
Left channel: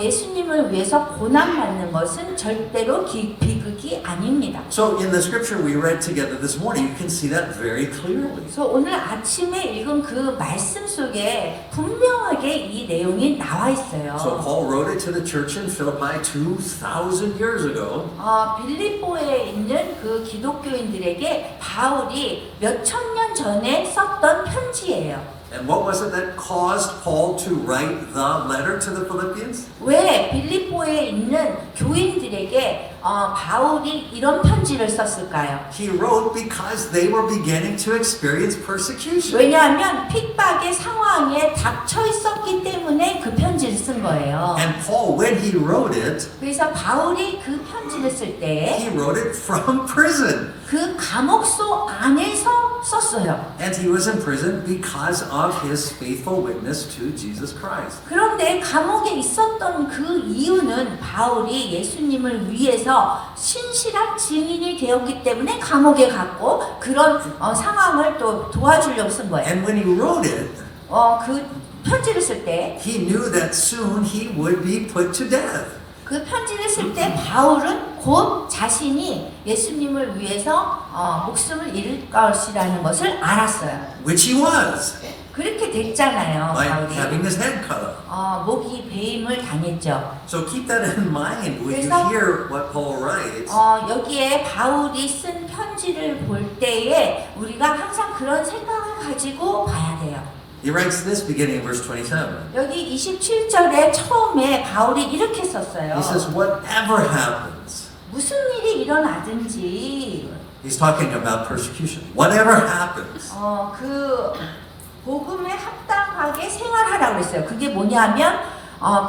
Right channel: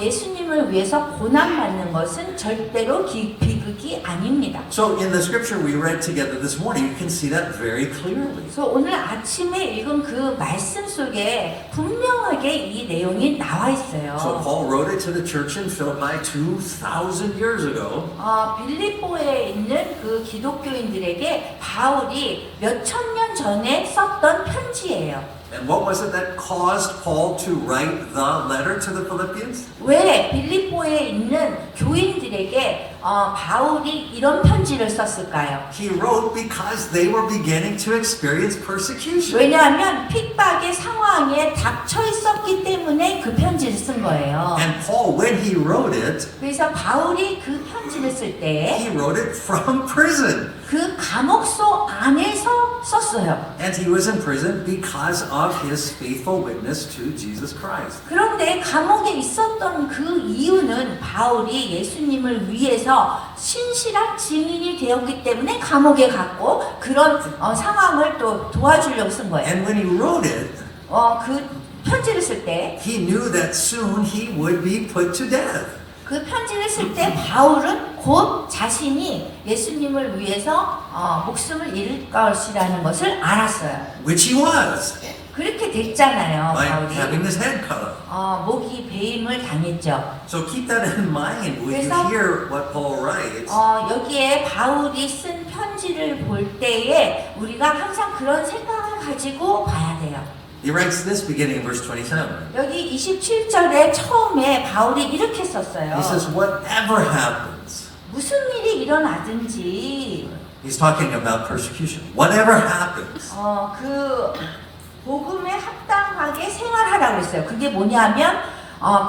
예수님을 위해서 고난받는 것은 절대로 비극이 아닙니다. So in the scripture we read together this morning, you can see that very clearly. 그래서 오늘 아침에 읽은 그 말씀 속에 분명하게 이 내용이 나와 있어요. So Paul wrote it to the church in Philippi 2,000 years ago. 빌립보에 있는 그 기독교인들에게 바울이 몇천 년 전에 썼던 편지예요. And what was it that caused Paul to write the letter to the Philippians? 왜 빌립보에 있는 교인들에게 바울이 이런 편지를 썼을까요? He wrote because they were beginning to experience persecution. 왜냐하면 핍박의 상황에 닥쳐 있었기 때문에 그 편지를 쓴 거예요. And Paul, when he wrote it, 그래서 바울이 그 편지를 쓸 때 he wrote it from prison. 그 감옥소 안에서 썼어요. And he was in prison because of his faithful witness to Jesus Christ. 그런데 감옥에 있었던 그 이유는 바울이 예수님을 위해서 신실한 증인이 되었기 때문에 감옥에 갔고 그런 상황을 또 도와주려고 쓴 거예요. And when he wrote it, 그 편지를 쓸 때 he knew that soon he would be put to death. 그 편지를 쓸 때 바울은 곧 자신이 예수님을 위해서 목숨을 잃을 것이라는 것을 알았어요. Which he was, 그렇게 됐잖아요. by 바울이. having his head cut off. 목이 배임을 당했죠. So keep that in mind when you 그래서- hear what Paul writes. 여기에 바울이 쓴 편지를 볼 때에 우리가 항상 그런 생각을 가지고 봐야 돼요. He writes this beginning in verse 27. 여기 27절에 처음에 바울이 이렇게 썼어요. He says, whatever happens, 무슨 일이 일어나든지 he's talking about persecution. Whatever happens, 그 복음에 합당하게 생활하라고 했어요. 그게 뭐냐면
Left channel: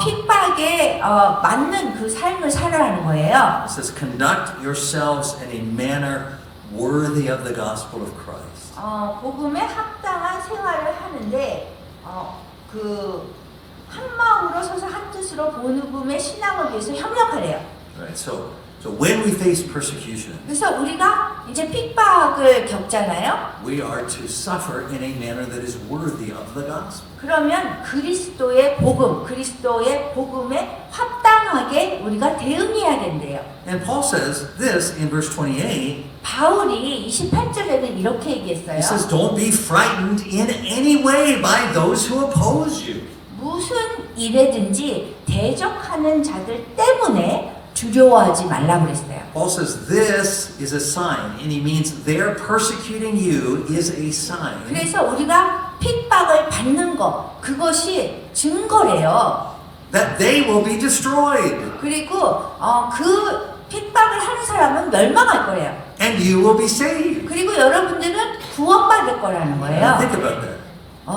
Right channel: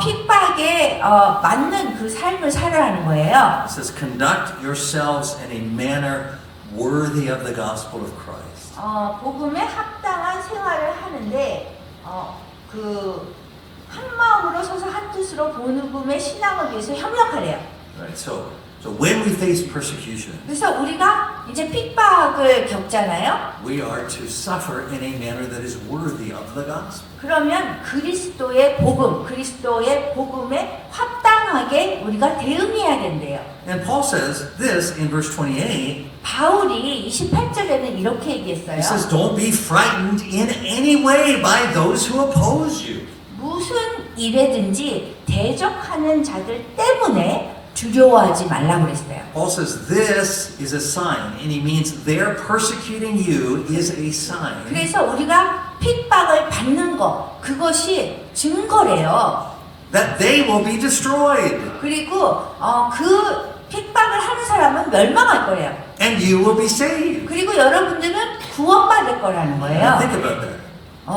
핍박에 맞는 그 삶을 살아라는 거예요. it says, conduct yourselves in a manner worthy of the gospel of Christ. 복음에 합당한 생활을 하는데 그 한 마음으로 서서 한 뜻으로 복음의 신앙을 위해서 협력하래요. Right? So when we face persecution, 그래서 우리가 이제 핍박을 겪잖아요. we are to suffer in a manner that is worthy of the gospel. 그러면 그리스도의 복음, 그리스도의 복음에 합당하게 우리가 대응해야 된대요. And Paul says this in verse 28. 바울이 28절에는 이렇게 얘기했어요. He says, don't be frightened in any way by those who oppose you. 무슨 일에든지 대적하는 자들 때문에 두려워하지 말라고 그랬어요. Paul says this is a sign, and he means their persecuting you is a sign 그래서 우리가 핍박을 받는 것, 그것이 증거래요. that they will be destroyed, 그리고 그 핍박을 하는 사람은 멸망할 거예요. and you will be saved. 그리고 여러분들은 구원받을 거라는 Now 거예요. think about that.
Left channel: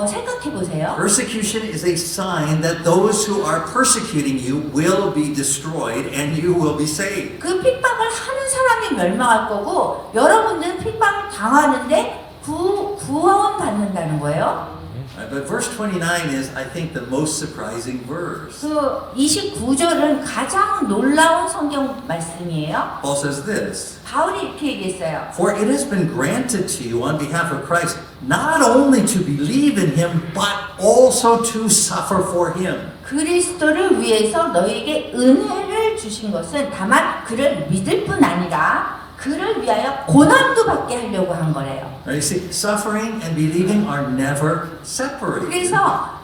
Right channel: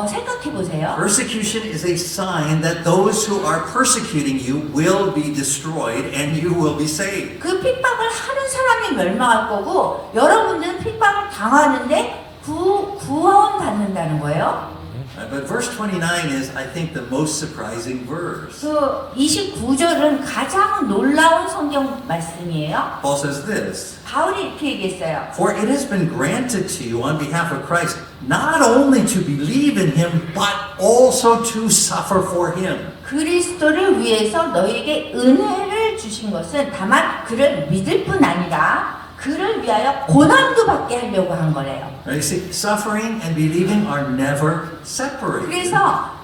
생각해 보세요. Persecution is a sign that those who are persecuting you will be destroyed and you will be saved. 그 핍박을 하는 사람이 멸망할 거고 여러분들은 핍박을 당하는데 구원받는다는 거예요. But verse 29 is, I think, the most surprising verse. 그 29절은 가장 놀라운 성경 말씀이에요. Paul says this, 바울이 이렇게 얘기했어요. For it has been granted to you on behalf of Christ not only to believe in him, but also to suffer for him. 그리스도를 위해서 너에게 은혜를 주신 것은 다만 그를 믿을 뿐 아니라 그를 위하여 고난도 받게 하려고 한 거래요. Now you see, suffering and believing are never separated. 그래서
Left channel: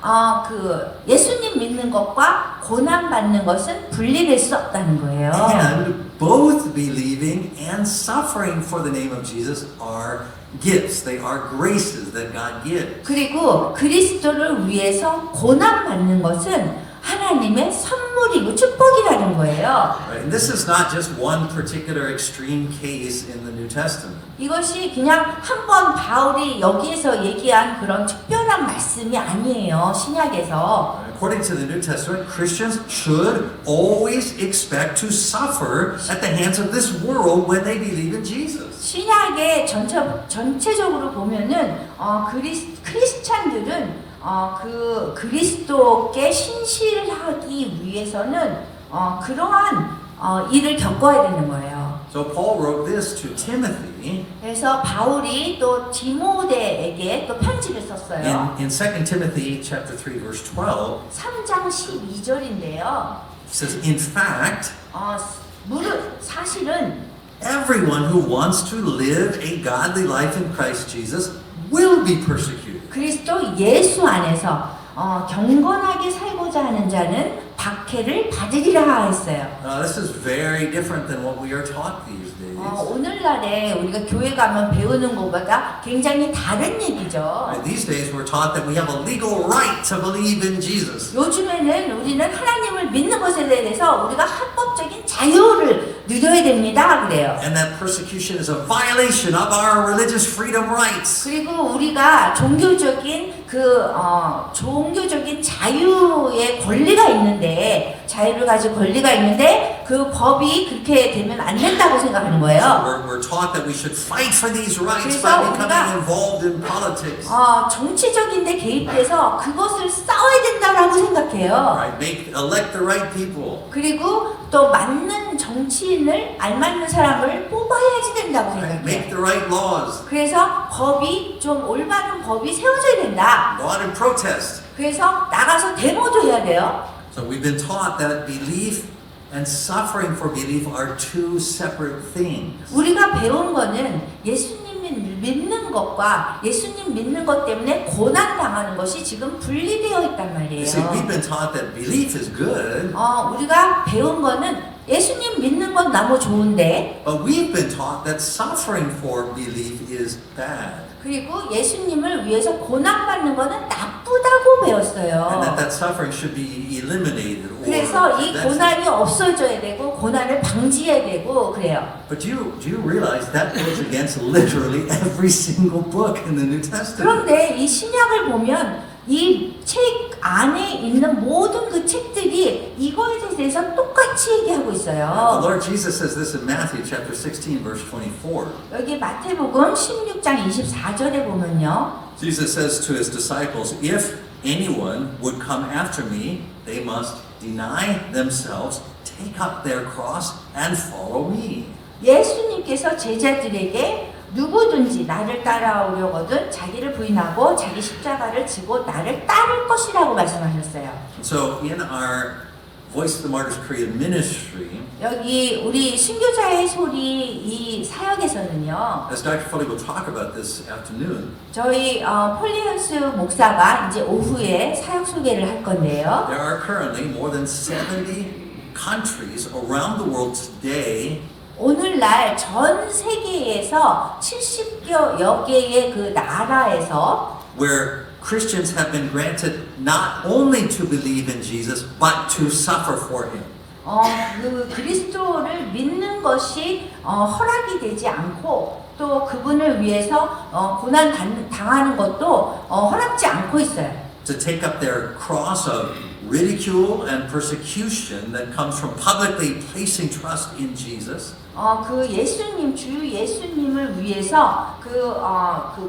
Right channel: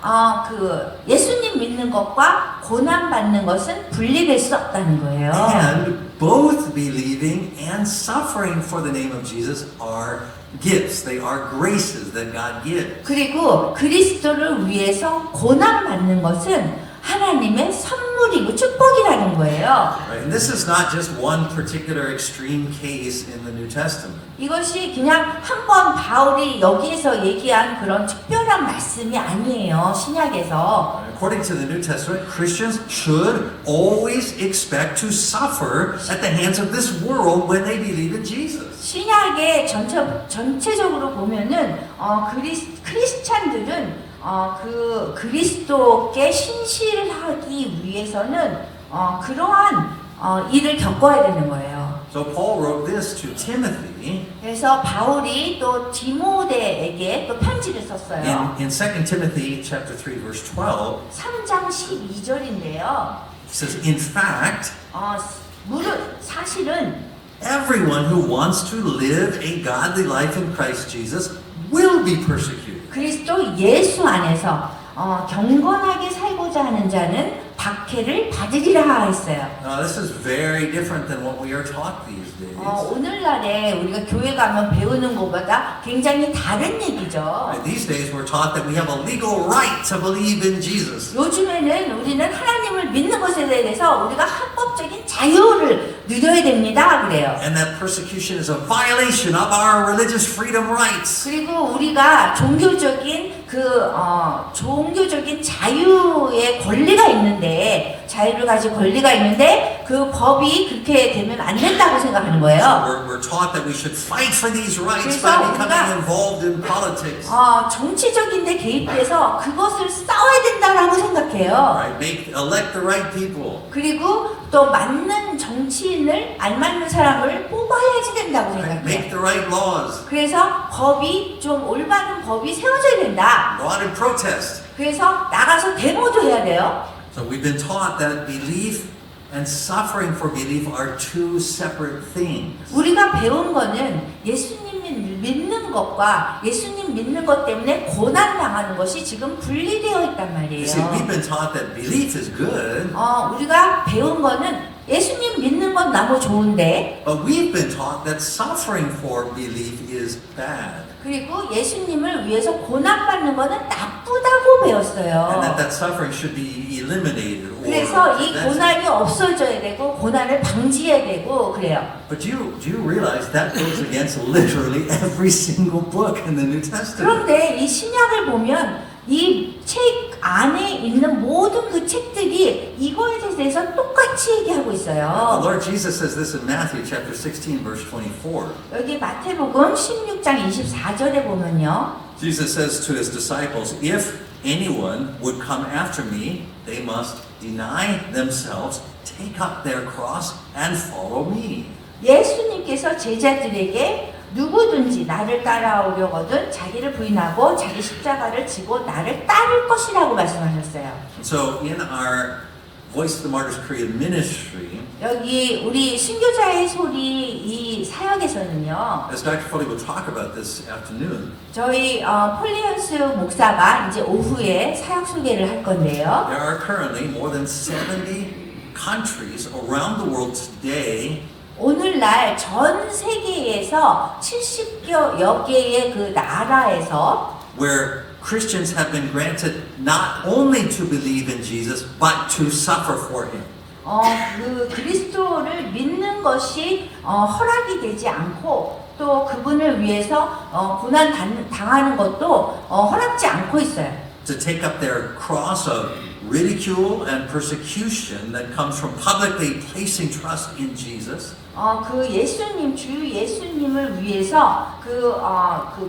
그 예수님 믿는 것과 고난 받는 것은 분리될 수 없다는 거예요. And both believing and suffering for the name of Jesus are gifts. They are graces that God gives. 그리고 그리스도를 위해서 고난 받는 것은 하나님의 선물이고 축복이라는 거예요. And this is not just one particular extreme case in the New Testament. 이것이 그냥 한번 바울이 여기에서 얘기한 그런 특별한 말씀이 아니에요. 신약에서. According to the New Testament, Christians should always expect to suffer at the hands of this world when they believe in Jesus. 신약의 전체적으로 보면은 크리스찬들은 그 그리스도께 신실하기 위해서는 그러한 일을 겪어야 되는 거예요. So Paul wrote this to Timothy 그래서 바울이 또 디모데에게 또 편지를 썼어요. in 2 Timothy chapter 3 verse 12. 3장 12절인데요. He says, in fact, 사실은 everyone who wants to live a godly life in Christ Jesus will be persecuted. 그리스도 예수 안에서 경건하게 살고자 하는 자는 박해를 받으리라 했어요. Now this is very different than what we are taught these days. 오늘날에 우리가 교회 가면 배우는 것보다 굉장히 다른 얘기죠. These days we're taught that we have a legal right to believe in Jesus. 요즘에는 우리는 하나님을 믿는 것에 대해서 우리가 합법적인 자유를 누려야 됩니다. 그래요. And that persecution is a violation of our religious freedom rights. 그리고 우리가 종교적인 자유의 권리가 있는데 자유를 가질 권리가 있는데 그 법이 그렇게 되면 안 된다고 생각하는 거예요. We're taught that we should fight for these rights by becoming involved in politics. 정치적인 데 개입돼서 그것을 싸워야 된다라고 생각해요. Right? Elect the right people. 그리고 또 맞는 정치인을 알맞는 사람을 뽑아야지 된다고 Make 생각해요. the right laws. 그래서 법이 좀 올바른 법이 세워져야 된다. Go out and protest. 그래서 나가서 데모도 해야 돼요. So we've been taught that belief and suffering for belief are two separate things. 우리가 배운 거는 예수님 믿는 것과 예수님 믿는 것 때문에 고난 당하는 것이 지금 분리되어 있단 You see, we've 말이에요. been taught that belief is good, 우리가 배운 거는 예수님 믿는 건 너무 좋은데 but we've been taught that suffering for belief is bad. 그리고 예수님을 위해서 고난 받는 거는 나쁘다고 And 배웠어요. that suffering should be eliminated. 그래서 이 고난이 없어져야 되고 고난을 방지해야 되고 그래요. But do you realize that goes against literally every single book in the New Testament? 그런데 이 신약을 보면 이 책 안에 있는 모든 그 책들이 이거에 대해서 똑같이 얘기하고 The 있어요. Lord Jesus says this in Matthew chapter 16 verse 24. 여기 마태복음 16장 24절에 보면요. Jesus says to his disciples, if anyone would come after me, they must deny themselves, take up their cross, and follow me. 예수님께서 제자들에게 누구든지 나를 따라오려거든 자기를 부인하고 자기 십자가를 지고 나를 따를 것이라고 말씀하셨어요. So in our Voice of the Martyrs Korean ministry, 여기 우리 순교자의 소리 이 사역에서는요. as Dr. Foley will talk about this afternoon, 저희 폴리언스 목사가 이제 오후에 사역 소개를 할 건데요. there are currently more than 70 countries around the world today 오늘날 전 세계에서 70여 개의 그 나라에서 where Christians have been granted not only to believe in Jesus, but to suffer for him. 그 그리스도를 믿는 것이 허락이 되지 않고 또 그분을 위해서 고난 당하는 것도 허락지 않고 있어요. To take up their cross of ridicule and persecution that comes from publicly placing trust in Jesus. 그 예수님, 주 예수님을 위해서 그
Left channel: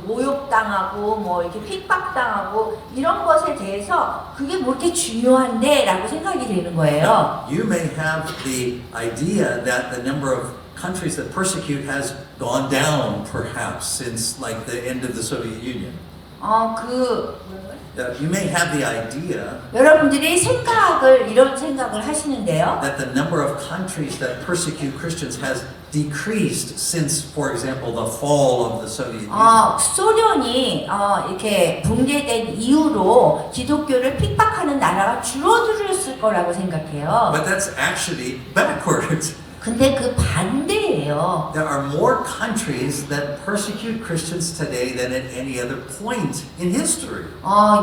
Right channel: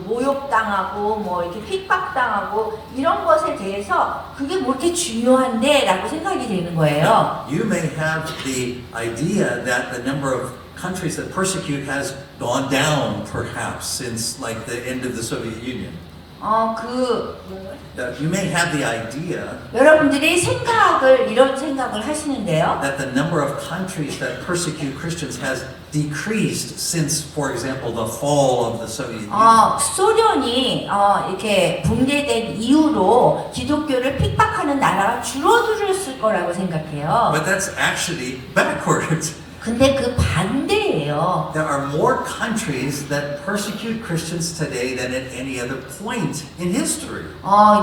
모욕당하고 뭐 이렇게 핍박당하고 이런 것에 대해서 그게 뭐 이렇게 중요한데라고 생각이 되는 거예요. You may have the idea that the number of countries that persecute has gone down perhaps since like the end of the Soviet Union. That you may have the idea 여러분들이 이런 생각을 하시는데요. that the number of countries that persecute Christians has decreased since, for example, the fall of the Soviet Union. 소련이 이렇게 붕괴된 이후로 기독교를 핍박하는 나라가 줄어들었을 거라고 생각해요. But that's actually backwards. 근데 그 반대예요. There are more countries that persecute Christians today than at any other point in history.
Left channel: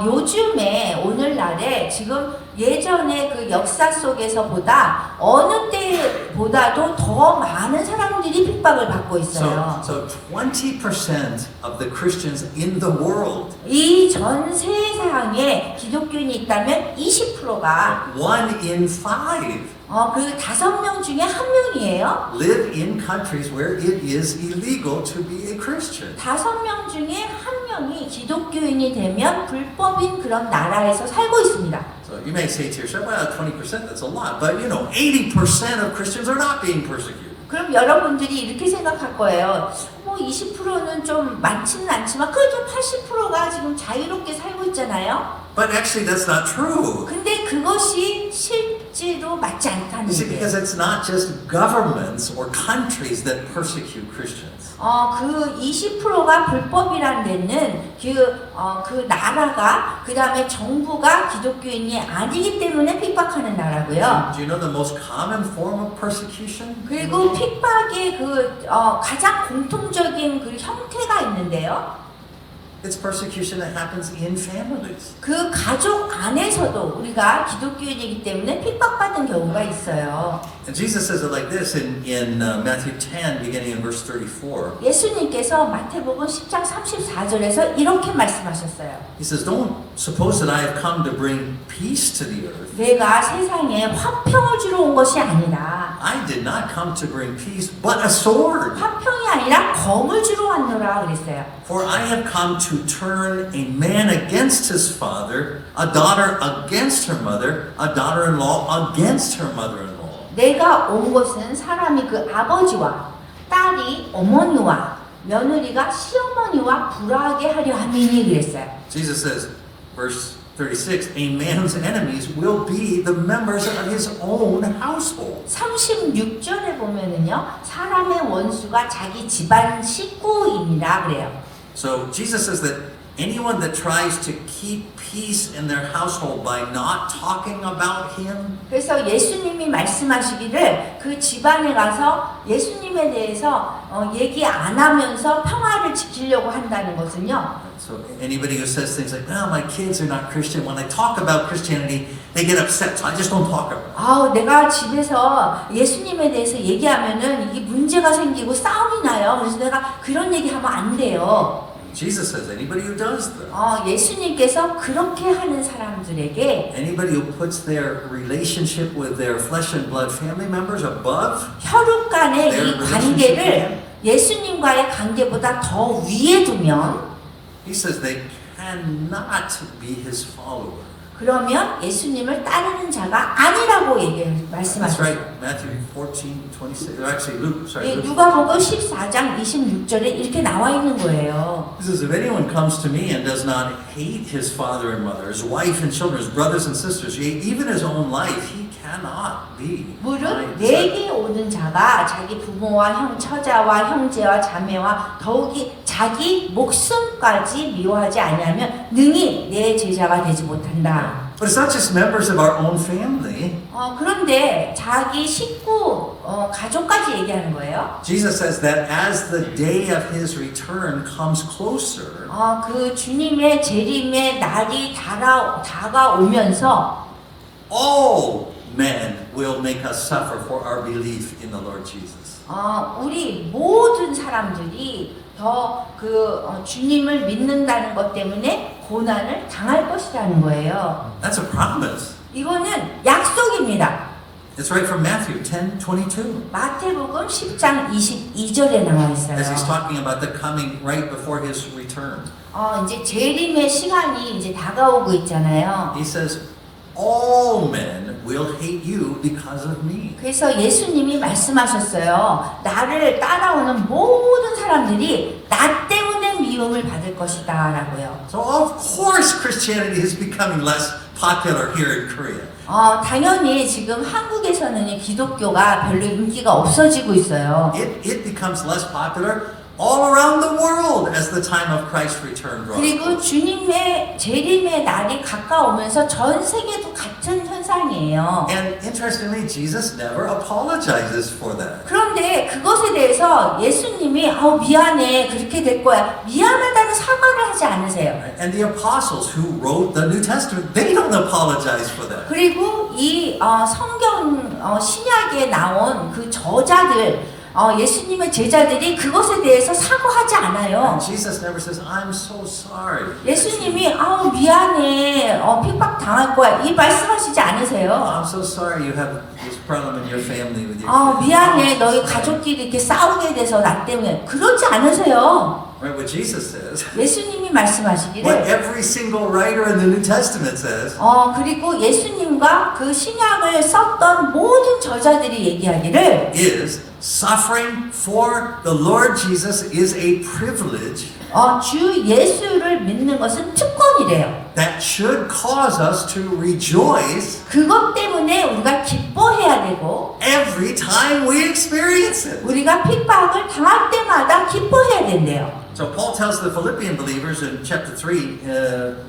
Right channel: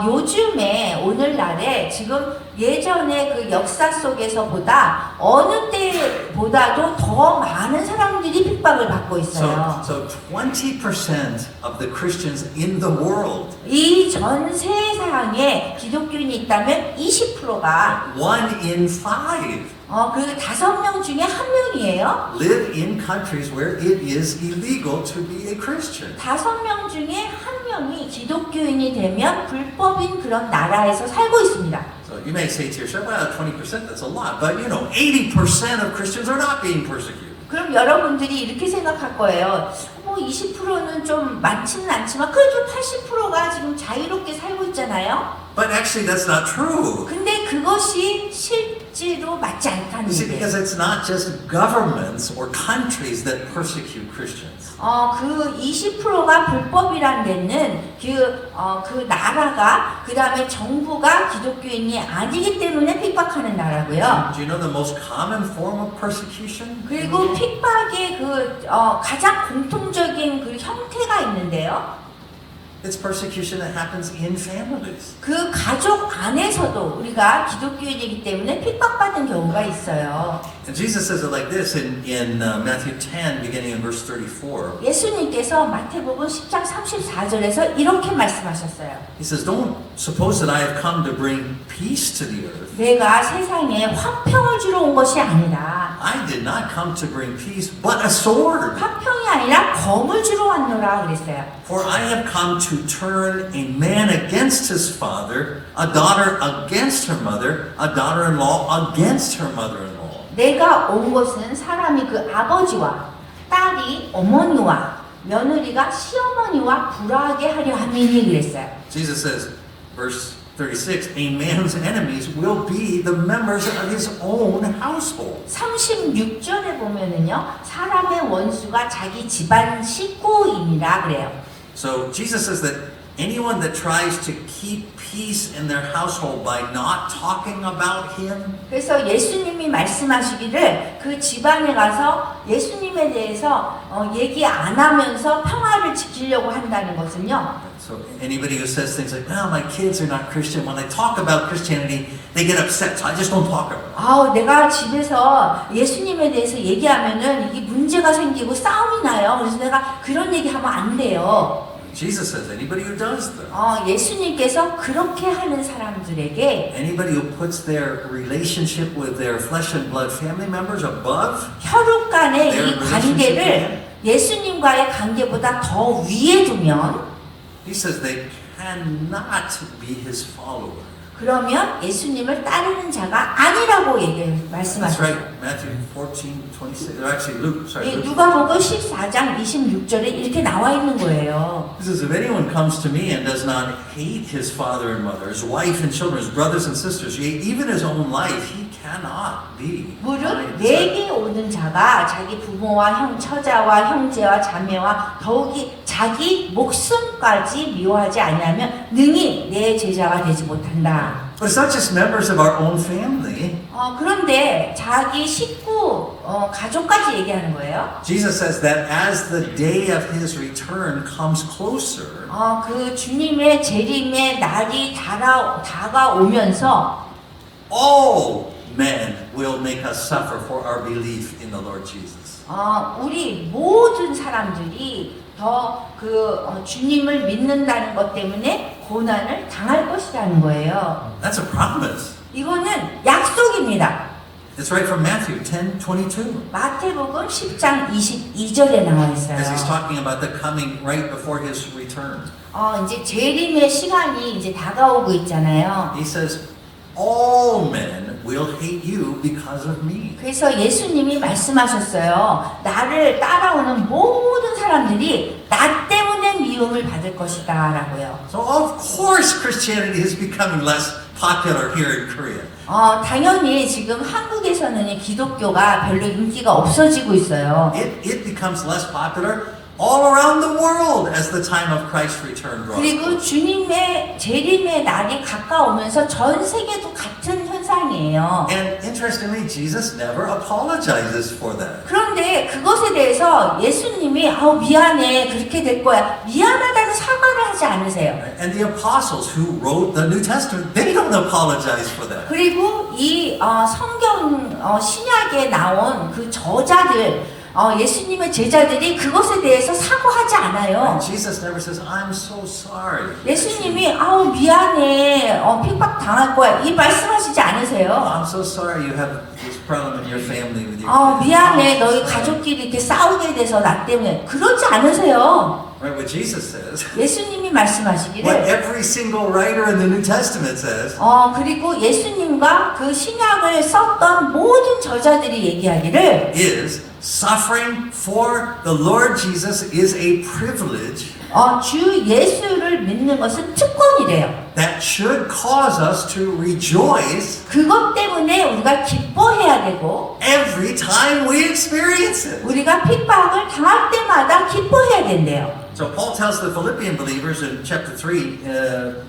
요즘에 오늘날에 지금 예전의 그 역사 속에서보다 어느 때보다도 더 많은 사람들이 핍박을 받고 있어요. So 20% of the Christians in the world, 이 전 세상에 기독교인이 있다면 20%가 1 in 5, 그 5명 중에 1명이에요. live in countries where it is illegal to be a Christian. 5명 중에 1명이 기독교인이 되면 불법인 그런 나라에서 살고 있습니다. So you may say to yourself, well, 20% that's a lot, but 80% of Christians are not being persecuted. 그럼 여러분들이 이렇게 생각할 거예요. 20%는 좀 많지는 않지만 그래도 80%가 지금 자유롭게 살고 있잖아요. But actually that's not true. 근데 그것이 실제로 맞지 않다는 You see, 거예요. because it's not just governments or countries that persecute Christians. 그 20%가 불법이란 데는 그 나라가 그 다음에 정부가 기독교인이 아니기 때문에 핍박하는 나라고요. Do you know the most common form of persecution? 그리고 핍박의 가장 공통적인 그 형태가 있는데요. It's persecution that happens in families. 그 가족 안에서도 우리가 기독교인이기 때문에 핍박받는 경우가 있어요. And Jesus says it like this in Matthew 10, beginning in verse 34. 예수님께서 마태복음 10장 34절에서 이렇게 말씀하셨어요. He says, don't suppose that I have come to bring peace to the earth. 내가 세상에 화평을 주러 온 것이 아니라 I did not come to bring peace, but a sword. 화평이 아니라 검을 주러 왔노라 그랬어요. For I have come to turn a man against his father, a daughter against her mother, a daughter-in-law against her mother-in-law. 내가 온 것은 사람이 그 아버지와 딸이 어머니와 며느리가 시어머니와 불화하게 하려 함이니 그랬어요. Jesus says, verse 36, a man's enemies will be the members of his own household. 36절에 보면은요, 사람의 원수가 자기 집안 식구이니라 그래요. So Jesus says that anyone that tries to keep peace in their household by not talking about him, 그래서 예수님이 말씀하시기를 그 집안에 가서 예수님에 대해서 얘기 안 하면서 평화를 지키려고 한다는 것은요. so anybody who says things like, no, my kids are not Christian, when I talk about Christianity, they get upset, so I just don't talk about it. 내가 집에서 예수님에 대해서 얘기하면은 이게 문제가 생기고 싸움이 나요. 그래서 내가 그런 얘기하면 안 돼요. Jesus says anybody who does that, 예수님께서 그렇게 하는 사람들에게 anybody who puts their relationship with their flesh and blood family members above, 혈육 간의 이 관계를 예수님과의 관계보다 더 위에 두면 he says they cannot be his follower. 그러면 예수님을 따르는 자가 아니라고 That's 말씀하셨어요. right, Matthew 14:26. Actually, Luke, sorry. Luke. 누가복음 14장 26절에 이렇게 나와 있는 거예요. He says, if anyone comes to me and does not hate his father and mother, his wife and children, his brothers and sisters, yea, even his own life, he cannot be. 무릇 내게 오는 자가 자기 부모와 처자와 형제와 자매와 더욱이 자기 목숨까지 미워하지 아니하면 능히 내 제자가 되지 못한다. But it's not just members of our own family. 그런데 자기 식구, 가족까지 얘기하는 거예요. Jesus says that as the day of his return comes closer, 그 주님의 재림의 날이 다가오면서 all men will make us suffer for our belief in the Lord Jesus. 우리 모든 사람들이 주님을 믿는다는 것 때문에 고난을 당할 것이라는 거예요. That's a promise. 이거는 약속입니다. It's right from Matthew 10:22. 마태복음 10장 22절에 나와 있어요. As he's talking about the coming right before his return. 이제 재림의 시간이 이제 다가오고 있잖아요. He says, all men will hate you because of me. 그래서 예수님이 말씀하셨어요. 나를 따라오는 모든 사람들이 나 때문에 미움을 받을 것이다 라고요. So of course Christianity is becoming less popular here in Korea. 당연히 지금 한국에서는 기독교가 별로 인기가 없어지고 있어요. It becomes less popular all around the world as the time of Christ's return draws. 그리고 주님의 재림의 날이 가까우면서 전 세계도 같은 현상이에요. And interestingly, Jesus never apologizes for that. 그런데 그것에 대해서 예수님이 미안해 그렇게 될 거야 미안하다는 사과를 하지 않으세요. And the apostles who wrote the New Testament, they don't apologize for that. 그리고 이 성경 신약에 나온 그 저자들 예수님의 제자들이 그것에 대해서 사과하지 않아요. And Jesus never says, I'm so sorry. 예수님이 미안해 핍박 당할 거야 이 말씀하시지 않으세요. I'm so sorry you have this problem in your family with your kids. 미안해 너희 가족끼리 이렇게 싸우게 돼서 나 때문에 그러지 않으세요. Right, what Jesus says, 예수님이 what 말씀하시기를 every single writer in the New Testament says, 그리고 예수님과 그 신약을 썼던 모든 저자들이 얘기하기를 is suffering for the Lord Jesus is a privilege 주 예수를 믿는 것은 특권이래요. that should cause us to rejoice 그것 때문에 우리가 기뻐해야 되고 every time we experience it. 우리가 핍박을 당할 때마다 기뻐해야 된대요. So Paul tells the Philippian believers in chapter 3,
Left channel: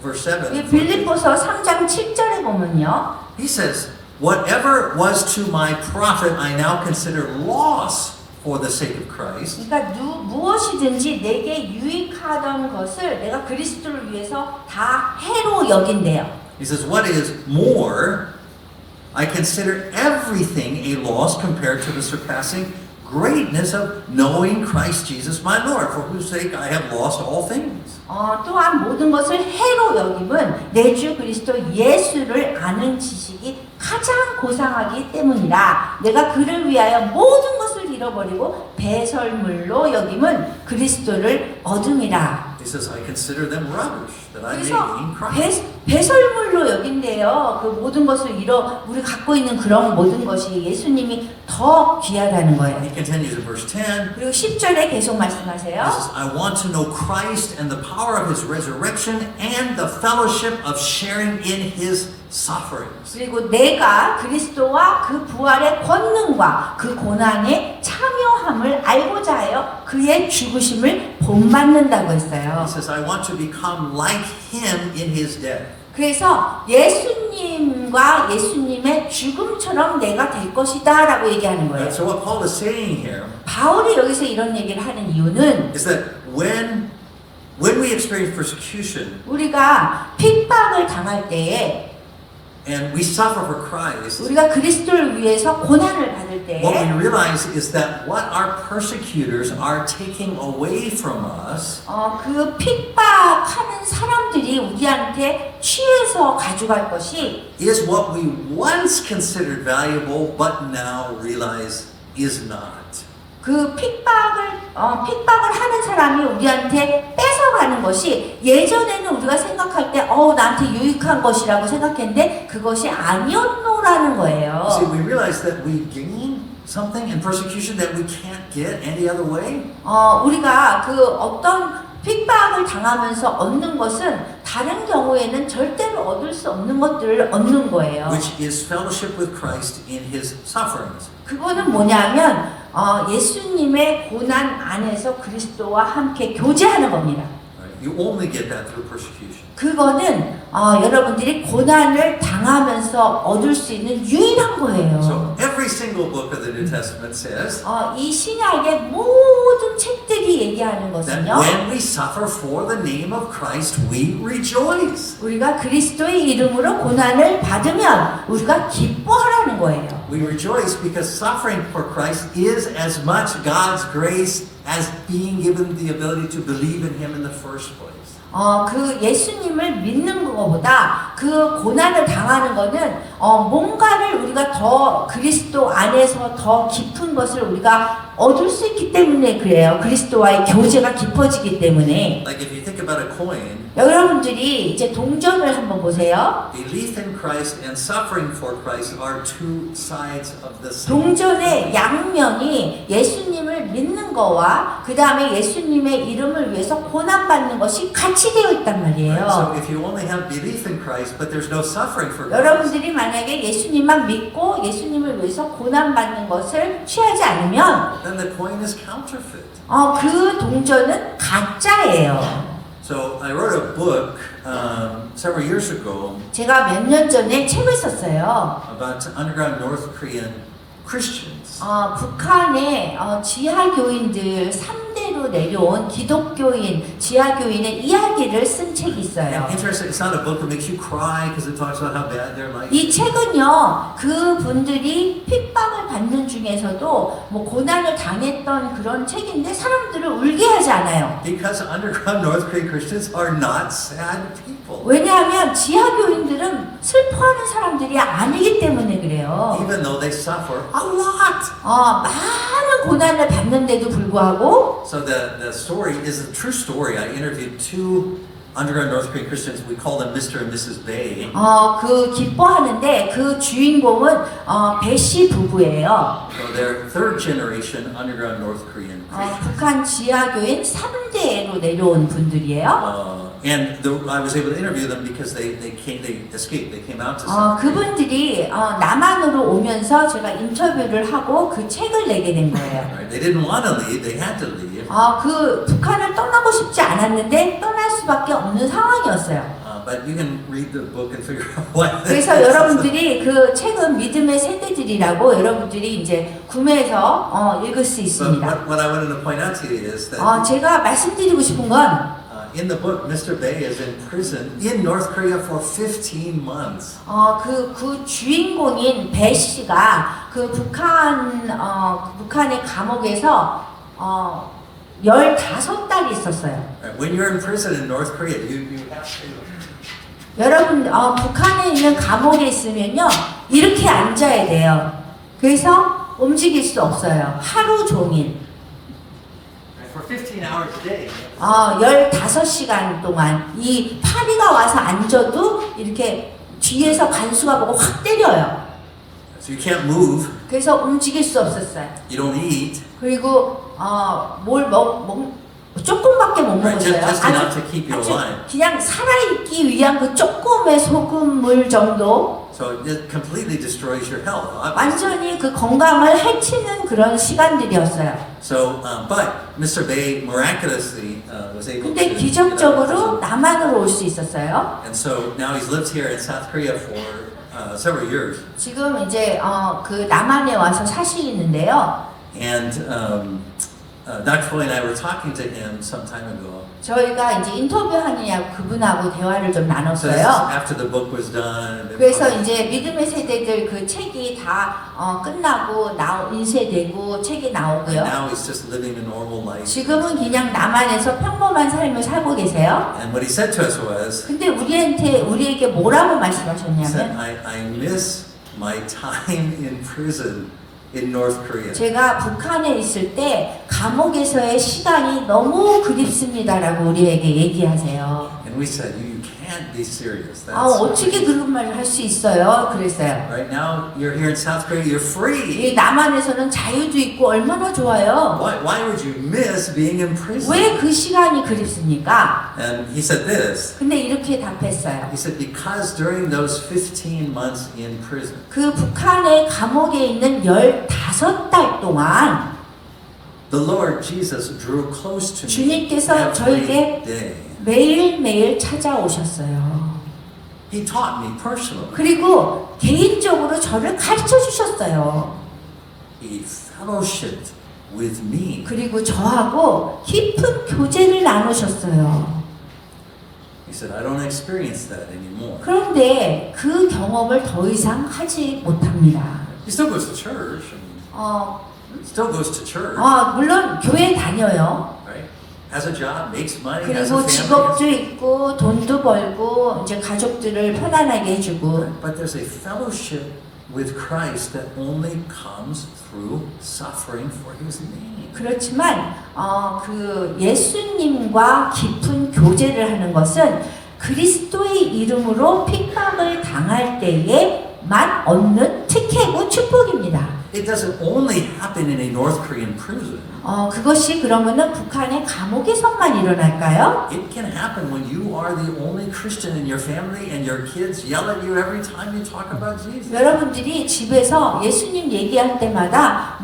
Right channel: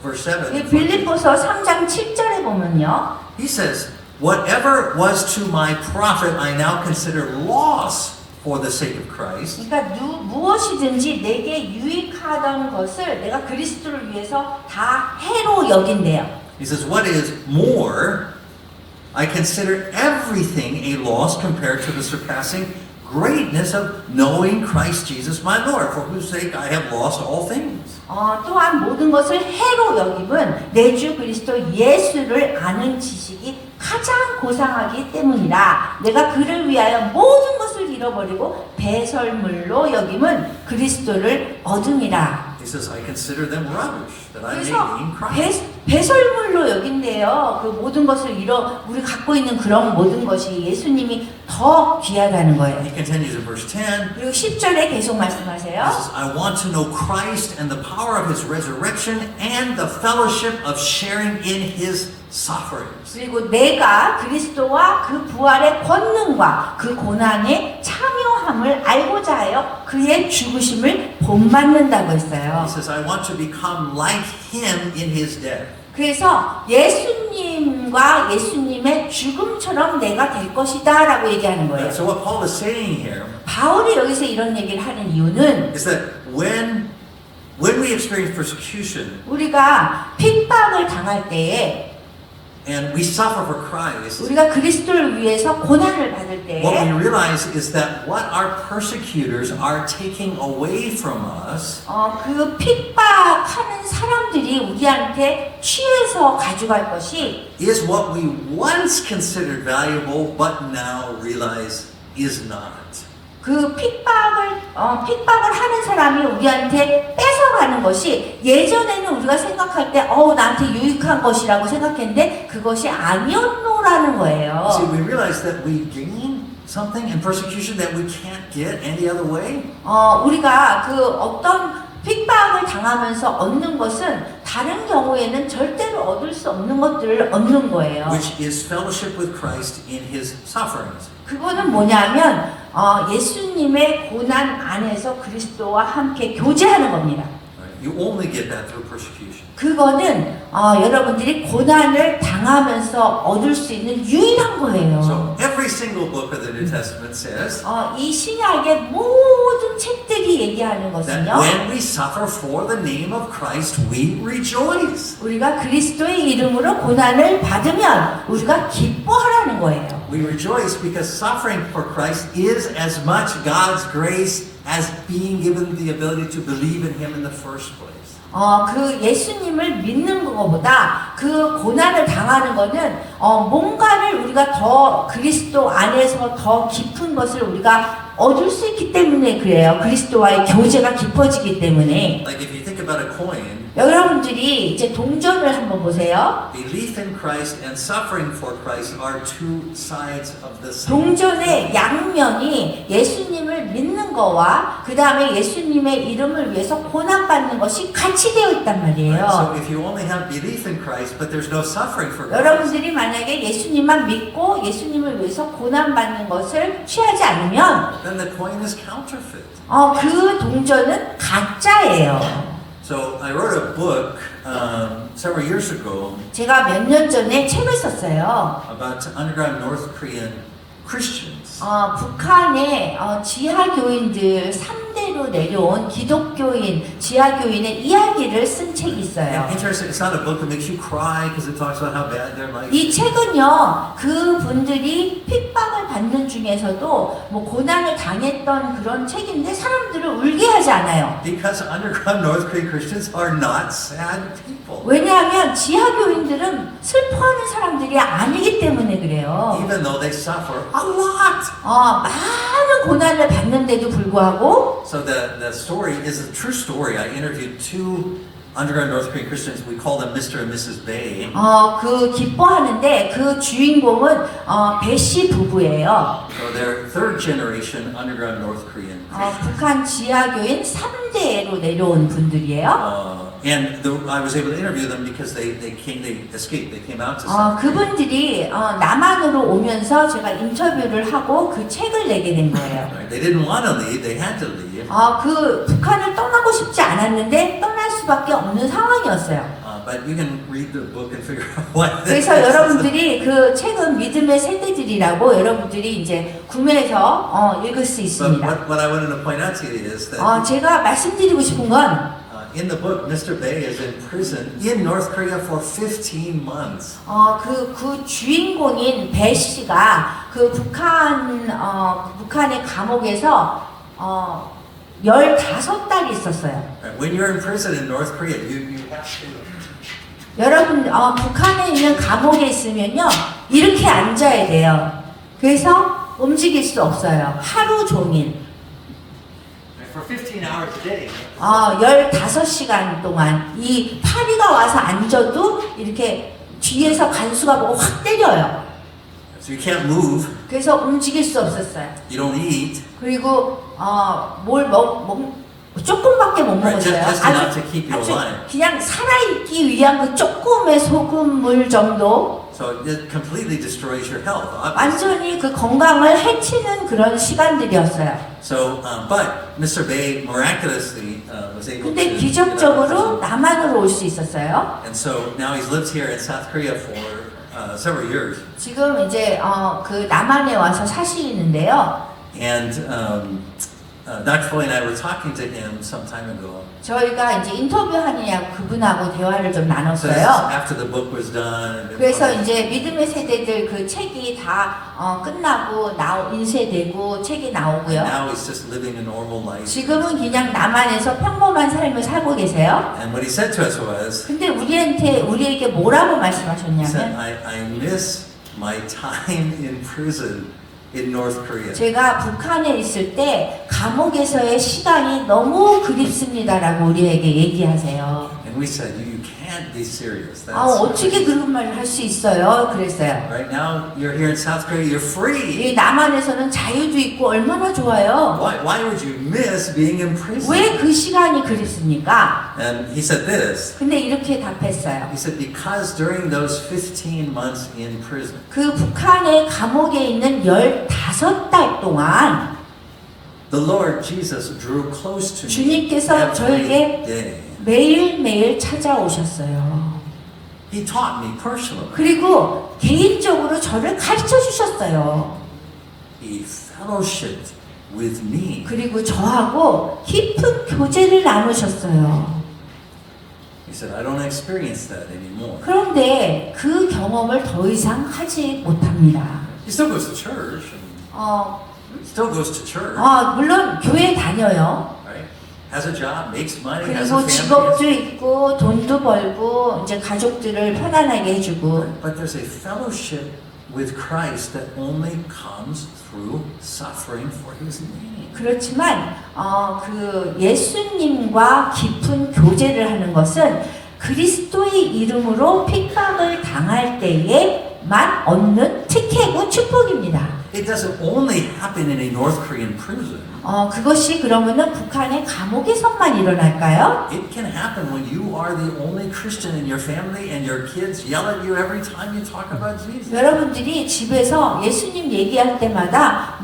verse 이 7, 빌립보서 3장 7절에 보면요. he says, whatever was to my profit I now consider loss for the sake of Christ. 그러니까 무엇이든지 내게 유익하던 것을 내가 그리스도를 위해서 다 해로 여긴대요. He says, what is more, I consider everything a loss compared to the surpassing greatness of knowing Christ Jesus my Lord, for whose sake I have lost all things. 또한 모든 것을 해로 여김은 내 주 그리스도 예수를 아는 지식이 가장 고상하기 때문이라. 내가 그를 위하여 모든 것을 잃어버리고 배설물로 여김은 그리스도를 얻음이라. He says, I consider them rubbish that I may 그래서 gain Christ. 배설물로 여긴대요. 그 모든 것을 우리 갖고 있는 그런 모든 것이 예수님이 더 귀하다는 거예요. He continues in verse 10. 그리고 10절에 계속 He 말씀하세요. says, I want to know Christ and the power of his resurrection and the fellowship of sharing in his sufferings. 그리고 내가 그리스도와 그 부활의 권능과 그 고난의 참여함을 알고자 하여 그의 죽으심을 본받는다고 했어요. He says, I want to become like him in his death. 그래서 예수님과 예수님의 죽음처럼 내가 될 것이다 라고 얘기하는 거예요. So what Paul is saying here 바울이 여기서 이런 얘기를 하는 이유는 is that when we experience persecution 우리가 핍박을 당할 때에 and we suffer for Christ, 우리가 그리스도를 위해서 고난을 받을 what 때에 we realize is that what our persecutors are taking away from us 그 핍박하는 사람들이 우리한테 취해서 가져갈 것이 is what we once considered valuable but now realize is not. 그 핍박을 하는 사람이 우리한테 뺏어가는 것이 예전에는 우리가 생각할 때 나한테 유익한 것이라고 생각했는데 그것이 아니었노라는 See, 거예요. we realize that we gain something in persecution that we can't get any other way. 우리가 그 어떤 핍박을 당하면서 얻는 것은 다른 경우에는 절대로 얻을 수 없는 것들을 얻는 거예요. Which is fellowship with Christ in his sufferings. 그거는 뭐냐면 예수님의 고난 안에서 그리스도와 함께 교제하는 겁니다. You only get that through persecution. 그거는 여러분들이 고난을 당하면서 얻을 수 있는 유일한 거예요. So every single book of the New Testament says 이 신약의 모든 책들이 얘기하는 that 것은요. when we suffer for the name of Christ, we rejoice. 우리가 그리스도의 이름으로 고난을 받으면 우리가 기뻐하라는 기뻐하는 거예요. We rejoice because suffering for Christ is as much God's grace as being given the ability to believe in Him in the first place. 그 예수님을 믿는 것보다 그 고난을 당하는 거는 뭔가를 우리가 더 그리스도 안에서 더 깊은 것을 우리가 얻을 수 있기 때문에 그래요. 그리스도와의 교제가 깊어지기 때문에. Like if you think about a coin, 여러분들이 이제 동전을 한번 보세요. belief in Christ and suffering for Christ are two sides of the same. 동전의 양면이 예수님을 믿는 거와 그 다음에 예수님의 이름을 위해서 고난받는 것이 같이 되어 있단 So 말이에요. if you only have belief in Christ, but there's no suffering for Christ, 여러분들이 만약에 예수님만 믿고 예수님을 위해서 고난받는 것을 취하지 않으면 then the coin is counterfeit. 그 동전은 가짜예요. So I wrote a book several years ago 제가 몇 년 전에 책을 썼어요. about underground North Korean Christians. 북한의 지하교인들 3대로 내려온 기독교인, 지하교인의 이야기를 쓴 책이 있어요. And interesting, it's not a book that makes you cry because it talks about how bad their life 이 is. 책은요, 그분들이 핍박을 받는 중에서도 뭐 고난을 당했던 그런 책인데 사람들을 울게 하지 않아요. Because underground North Korean Christians are not sad people. 왜냐하면 지하교인들은 슬퍼하는 사람들이 아니기 때문에 그래요. Even though they suffer a lot. 많은 고난을 받는데도 불구하고 So the story is the true story. I interviewed two underground North Korean Christians. We call them Mr. and Mrs. Bae. 그 기뻐하는데 그 주인공은 배씨 부부예요. So they're third generation underground North Korean Christians. 북한 지하교인 3대로 내려온 분들이에요. And I was able to interview them because they escaped. They came out to South Korea. 그분들이 남한으로 오면서 제가 인터뷰를 하고 그 책을 내게 된 거예요. Right? They didn't want to leave. They had to leave. 그 북한을 떠나고 싶지 않았는데 떠날 수밖에 없는 상황이었어요. But you can read the book and figure out why. 그래서 여러분들이 그 책은 믿음의 세대들이라고 여러분들이 이제 구매해서 읽을 수 But 있습니다. what I wanted to point out to you is that 제가 말씀드리고 싶은 건 in the book, Mr. Bae is in prison in North Korea for 15 months. 그 주인공인 배 씨가 그 북한의 감옥에서 15달이 있었어요. Right? When you're in prison in North Korea, you have to. 여러분, 북한에 있는 감옥에 있으면요, 이렇게 앉아야 돼요. 그래서 움직일 수 없어요. 하루 종일. For 15 hours a day. 15시간 동안 이 파리가 와서 앉아도 이렇게 뒤에서 간수가 보고 확 때려요. So you can't move. 그래서 움직일 수 없었어요. You don't eat. 그리고 조금밖에 못 Right, 먹었어요. just enough to keep you alive. 그냥 살아있기 위한 그 조금의 소금물 정도. So it completely destroys your health. Obviously. 완전히 그 건강을 해치는 그런 시간들이었어요. So, but Mr. Bae miraculously was able 근데 to. 기적적으로 남한으로 올 수 있었어요. And so now he's lived here in South Korea for several years. 지금 이제 그 남한에 와서 사시는데요. And Dr. Floyd and I were talking to him some time ago. 저희가 이제 인터뷰하느냐 그분하고 대화를 좀 So this is 나눴어요. after the book was done. 그래서 이제 믿음의 세대들 그 책이 다 끝나고 인쇄되고 책이 And 나오고요. now he's just living a normal life. 지금은 그냥 남한에서 평범한 삶을 살고 계세요. And what he said to us was, 근데 우리에게 뭐라고 he said, 말씀하셨냐면 I miss my time in prison in North Korea. 제가 북한에 있을 때 감옥에서의 시간이 너무 그립습니다라고 우리에게 얘기하세요. And we said, you can't be serious. That's 어떻게 그런 말을 할 수 있어요? 그랬어요. Right now, you're here in South Korea, you're free. 이 남한에서는 자유도 있고 얼마나 좋아요. Why would you miss being in prison? 왜 그 시간이 그립습니까? And he said this. 근데 이렇게 답했어요. He said, because during those 15 months in prison, 그 북한의 감옥에 있는 15달 동안 the Lord Jesus drew close to me 주님께서 every 저에게 day. 매일매일 찾아오셨어요. He taught me personally. 그리고 개인적으로 저를 가르쳐 주셨어요. He fellowshipped with me. 그리고 저하고 깊은 교제를 나누셨어요. He said, I don't experience that anymore. 그런데 그 경험을 더 이상 하지 못합니다. He still goes to church. And 어, still goes to church. 물론 교회 다녀요. Right? Has a job, makes money, has a 그리고 직업도 family. 있고 돈도 벌고 이제 가족들을 편안하게 해주고. But there's a fellowship with Christ that only comes through suffering for His name. 그렇지만 그 예수님과 깊은 교제를 하는 것은 그리스도의 이름으로 핍박을 당할 때에만 얻는 특혜고 축복입니다. It doesn't only happen in a North Korean prison. 그것이 그러면은 북한의 감옥에서만 일어날까요? It can happen when you are the only Christian in your family and your kids yell at you every time you talk about Jesus. 여러분들이 집에서 예수님 얘기할 때마다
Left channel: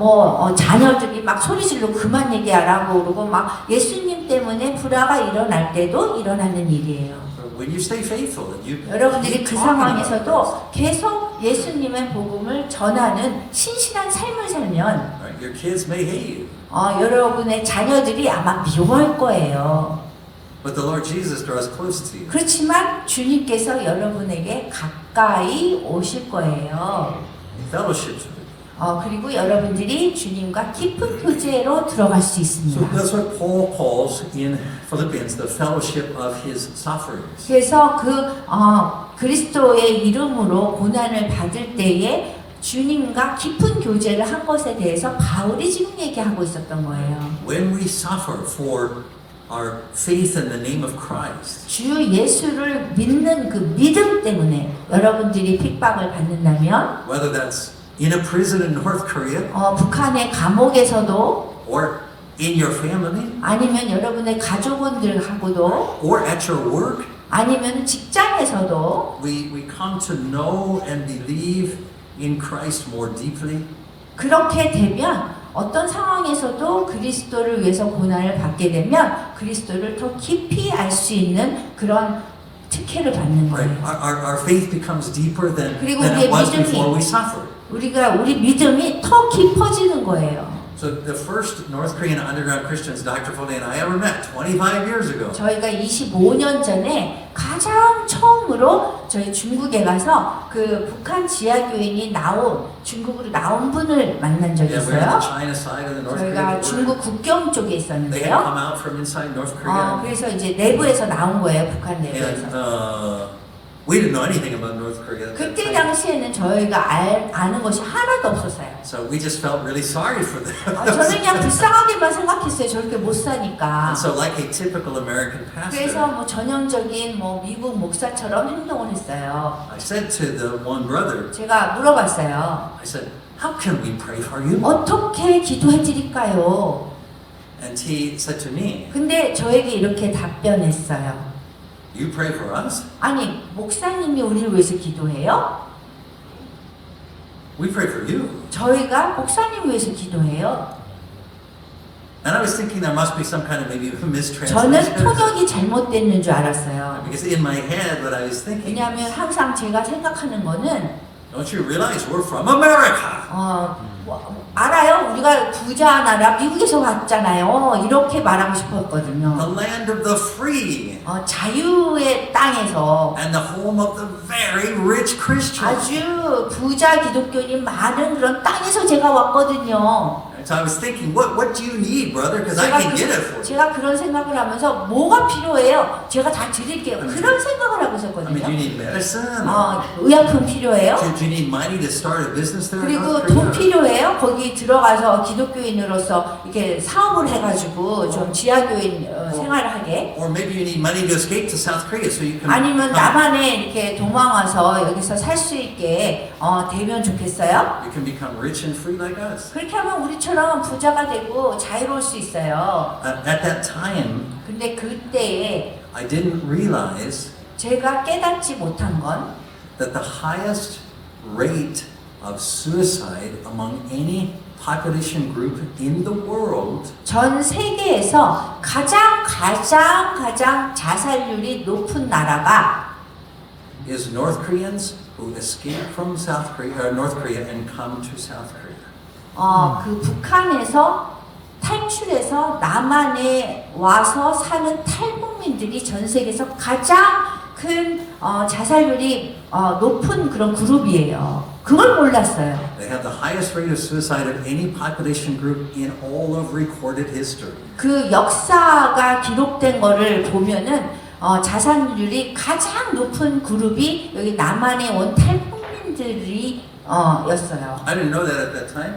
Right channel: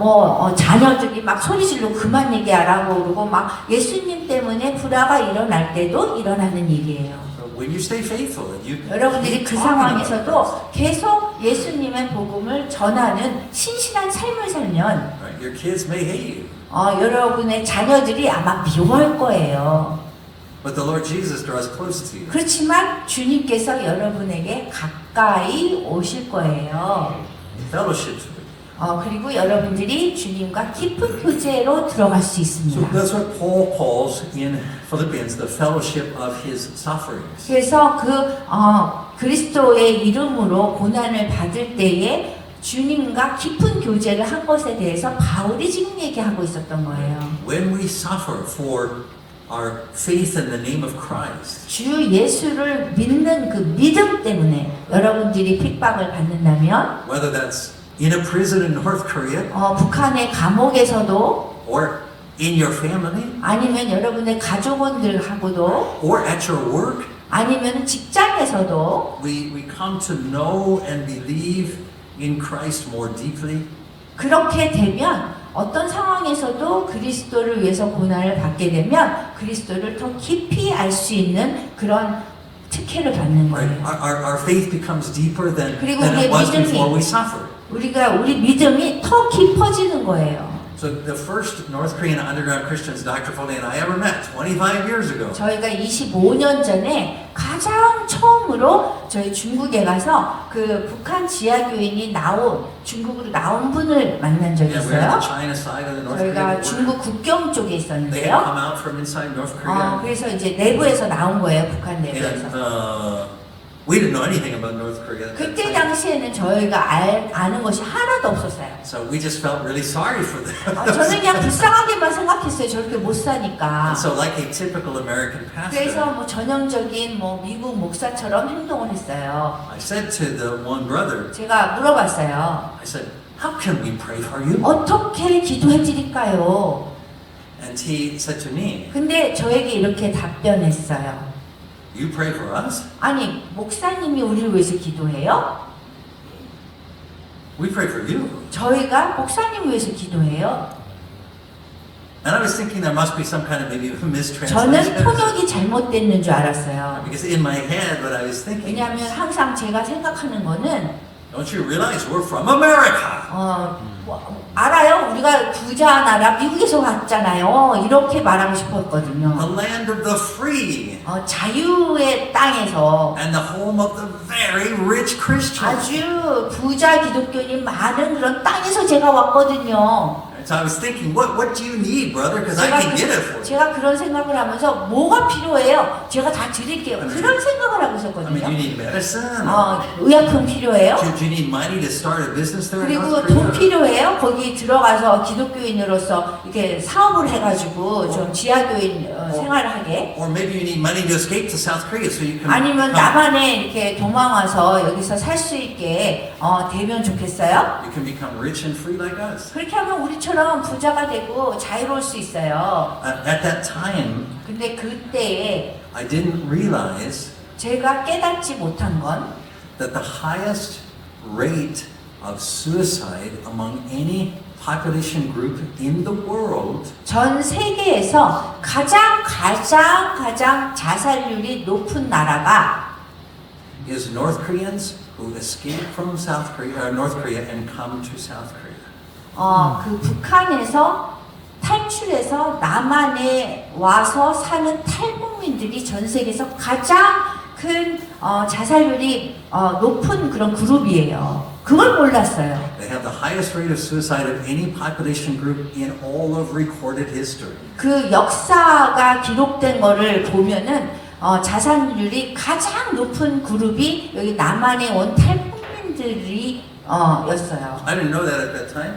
자녀들이 막 소리 지르고 그만 얘기하라고 그러고 막 예수님 때문에 불화가 일어날 때도 일어나는 일이에요. When you stay faithful, you 여러분들이 keep 그 talking about 상황에서도 계속 예수님의 복음을 전하는 신실한 삶을 살면 right? Your kids may hate you, 여러분의 자녀들이 아마 미워할 거예요. but the Lord Jesus draws close to you. 그렇지만 주님께서 여러분에게 가까이 오실 거예요. Fellowships with you. 그리고 여러분들이 주님과 깊은 교제로 들어갈 수 So 있습니다. that's what Paul calls in Philippians the fellowship of his sufferings. 그래서 그리스도의 이름으로 고난을 받을 때에 주님과 깊은 교제를 한 것에 대해서 바울이 지금 얘기하고 있었던 거예요. When we suffer for our faith in the name of Christ, 주 예수를 믿는 그 믿음 때문에 여러분들이 핍박을 받는다면 whether that's in a prison in North Korea 북한의 감옥에서도 or in your family 아니면 여러분의 가족원들하고도 or at your work, 아니면 직장에서도 we come to know and believe in Christ more deeply. 그렇게 되면 어떤 상황에서도 그리스도를 위해서 고난을 받게 되면 그리스도를 더 깊이 알 수 있는 그런 특혜를 받는 Right? 거예요. Our faith becomes deeper than 그리고 it 우리의 was 믿음이 before we suffered. 우리 믿음이 더 깊어지는 거예요. So the first North Korean underground Christians Dr. Foley and I ever met 25 years ago. 저희가 25년 전에 가장 처음으로 저희 중국에 가서 그 북한 지하교인이 중국으로 나온 분을 만난 적이 Yeah, we're on 있어요. the China side of the North 저희가 Korean border. 중국 국경 쪽에 They had 있었는데요. come out from inside North Korea. 그래서 이제 내부에서 나온 거예요, 북한 And 내부에서. we didn't know anything about North Korea. at that 그때 time. 당시에는 저희가 아는 것이 하나도 없었어요. So we just felt really sorry for them. 저는 그냥 불쌍하게만 생각했어요. 저렇게 못 사니까. And so like a typical American 그래서 pastor, 전형적인 미국 목사처럼 행동을 했어요. I said to the one brother, 제가 물어봤어요. I said, how can we pray for you? 어떻게 기도해 드릴까요? And he said to me, 근데 저에게 이렇게 답변했어요. you pray for us? 아니, 목사님이 우리를 위해서 기도해요? We pray for you. 저희가 목사님 위해서 기도해요. And I was thinking there must be some kind of maybe 저는 mistranslation. 통역이 잘못됐는 줄 알았어요. Because in my head, what I was thinking, 왜냐하면 항상 제가 생각하는 거는 don't you realize we're from America? 알아요? 우리가 부자 나라 미국에서 왔잖아요. 이렇게 말하고 싶었거든요. The land of the free 자유의 땅에서 and the home of the very rich Christians. 아주 부자 기독교인 많은 그런 땅에서 제가 왔거든요. And so I was thinking, what do you need, brother? Because I can get it for you. 제가 그런 생각을 하면서 뭐가 필요해요? 제가 다 드릴게요. 그런 생각을 하고 I mean, do you 있었거든요. need medicine? 의약품 필요해요? Do you need money to start a business there? 그리고 돈 필요해요? 거기 들어가서 기독교인으로서 이렇게 사업을 해가지고 좀 지하교인 생활하게. Or maybe you need money to escape to South Korea so you can. 아니면 남한에 이렇게 도망와서 여기서 살 수 있게 되면 좋겠어요? You can become rich and free like us. 그렇게 하면 우리처럼 부자가 되고 자유로울 수 있어요. At that time, 근데 그때에 I didn't realize 제가 깨닫지 못한 건 that the highest rate of suicide among any population group in the world 전 세계에서 가장 자살률이 높은 나라가 is North Koreans who escape from North Korea and come to South Korea. 그 북한에서 탈출해서 남한에 와서 사는 탈북민들이 전 세계에서 가장 큰 자살률이 높은 그런 그룹이에요. 그걸 몰랐어요. They have the highest rate of suicide of any population group in all of recorded history. 그 역사가 기록된 거를 보면은 자살률이 가장 높은 그룹이 여기 남한에 온 탈북민들이 였어요. I didn't know that at that time.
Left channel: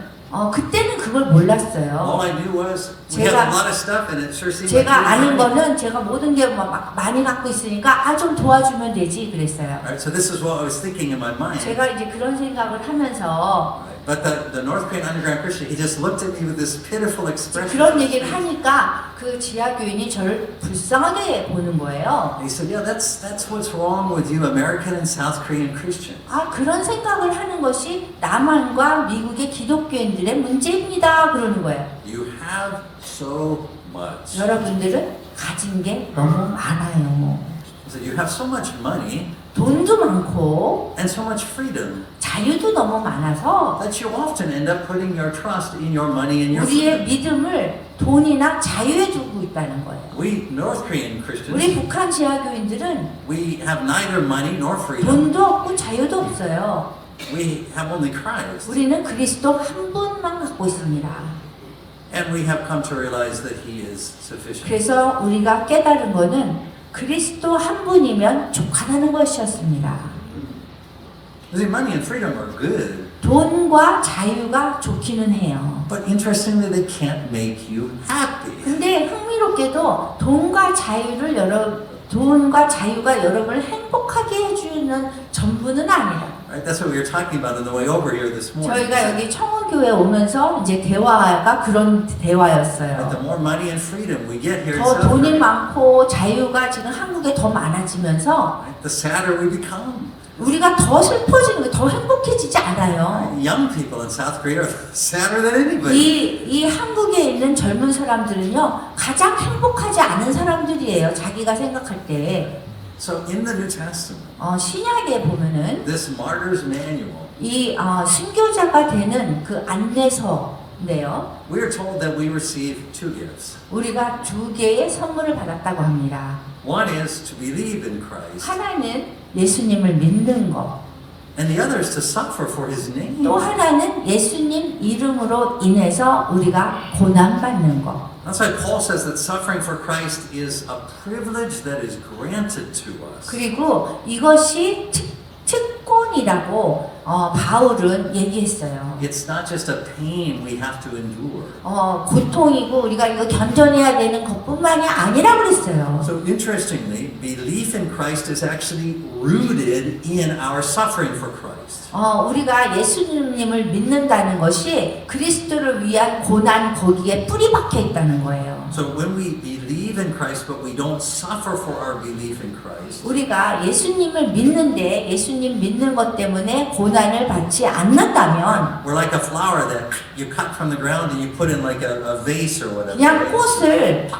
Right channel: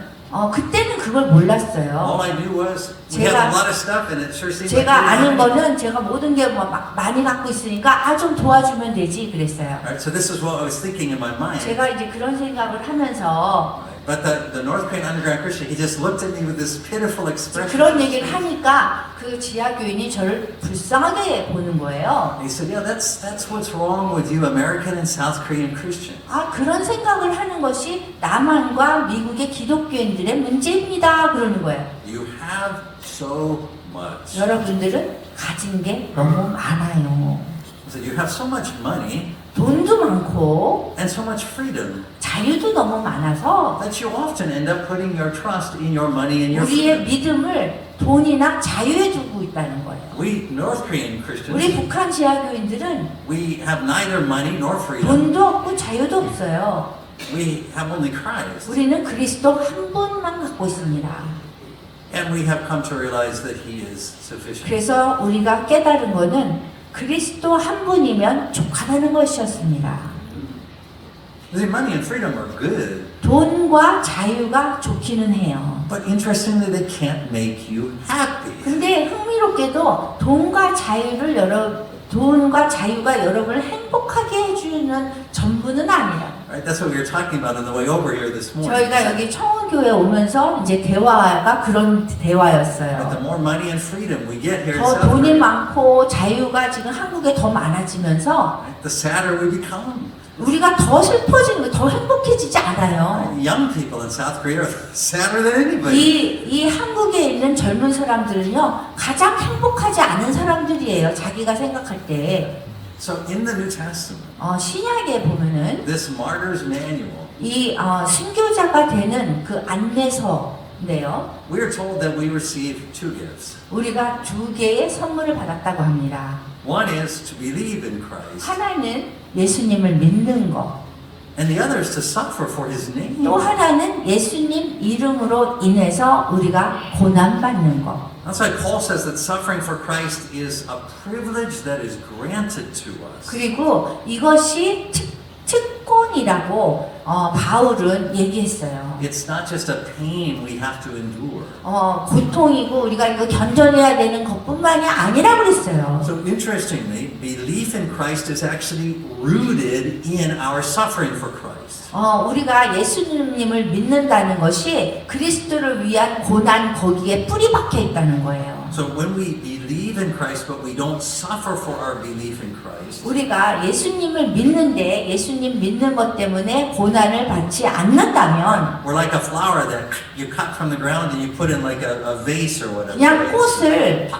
그때는 그걸 몰랐어요. All I knew was we had a lot of stuff and it sure seemed 제가 like 아는 거는 제가 모든 게 막 많이 갖고 있으니까 좀 도와주면 되지 그랬어요. Right, so this is what I was thinking in my mind. 제가 이제 그런 생각을 하면서 But the North Korean underground Christian, he just looked at me with this pitiful expression. 그런 얘기를 하니까 그 지하 교인이 저를 불쌍하게 보는 거예요. He said, "Yeah, that's what's wrong with you, American and South Korean Christians. 그런 생각을 하는 것이 남한과 미국의 기독교인들의 문제입니다. 그러는 거예요. You have so much." 여러분들은 가진 게 너무 많아요. He said, "You have so much money 돈도 많고 and so much freedom 자유도 너무 많아서 that you often end up putting your trust in your money and your 우리의 freedom." 믿음을 돈이나 자유에 두고 있다는 거예요. We North Korean 우리 Christians, 북한 지하교인들은 we have neither money nor freedom. 돈도 없고 자유도 없어요. We have only Christ, 우리는 그리스도 한 분만 갖고 있습니다. and we have come to realize that He is sufficient. 그래서 우리가 깨달은 거는 그리스도 한 분이면 족하다는 것이었습니다. You see, money and freedom are good, 돈과 자유가 좋기는 해요. but interestingly, they can't make you happy. 근데 흥미롭게도 돈과 자유가 여러분을 행복하게 해주는 전부는 아니라. Right? That's what we were talking about on the way over here this morning. 저희가 여기 청운교회 오면서 이제 대화가 그런 But 대화였어요. the more money and freedom we get here, 더 돈이 많고 자유가 지금 한국에 더 많아지면서 the sadder we become. 우리가 더 슬퍼지는 거, 더 행복해지지 않아요. Young people in South Korea are sadder than anybody. 이 한국에 있는 젊은 사람들은요, 가장 행복하지 않은 사람들이에요. 자기가 생각할 때. So in the New Testament, 신약에 보면은 this martyr's manual, 이 순교자가 되는 그 안내서인데요. we are told that we receive two gifts. 우리가 두 개의 선물을 받았다고 합니다. One is to believe in Christ, 하나는 예수님을 믿는 것. and the other is to suffer for His name. 또 하나는 예수님 이름으로 인해서 우리가 고난받는 것. That's why Paul says that suffering for Christ is a privilege that is granted to us. 그리고 이것이 특권이라고 바울은 얘기했어요. It's not just a pain we have to endure. 고통이고 우리가 이거 견뎌내야 되는 것뿐만이 아니라 그랬어요. So interestingly, belief in Christ is actually rooted in our suffering for Christ. 우리가 예수님을 믿는다는 것이 그리스도를 위한 고난 거기에 뿌리 박혀 있다는 거예요. So when we believe in Christ but we don't suffer for our belief in Christ, 우리가 예수님을 믿는데 예수님 믿는 것 때문에 고난을 받지 않는다면 we're like a flower that you cut from the ground and you put in like a vase or whatever. 그냥 꽃을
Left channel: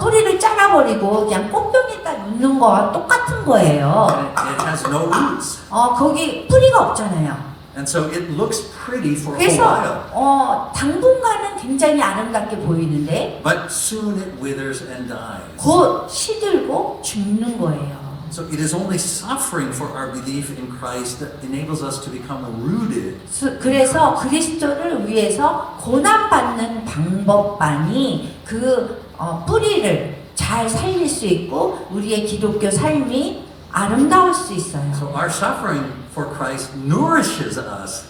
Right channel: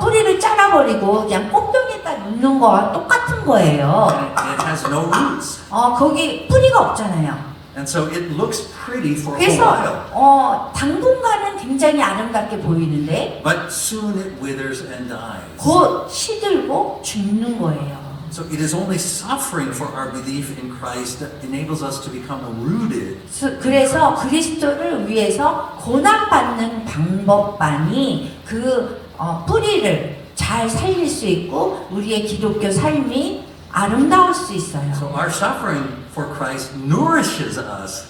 뿌리를 잘라버리고 그냥 꽃병에다 놓는 거와 똑같은 거예요. It has no roots. 거기 뿌리가 없잖아요. And so it looks pretty for a while. 그래서 당분간은 굉장히 아름답게 보이는데 But soon it withers and dies. 곧 시들고 죽는 거예요. So it is only suffering for our belief in Christ that enables us to become rooted. 그래서 그리스도를 위해서 고난받는 방법만이 그 뿌리를 잘 살릴 수 있고 우리의 기독교 삶이 아름다울 수 있어요. So our suffering for Christ nourishes us.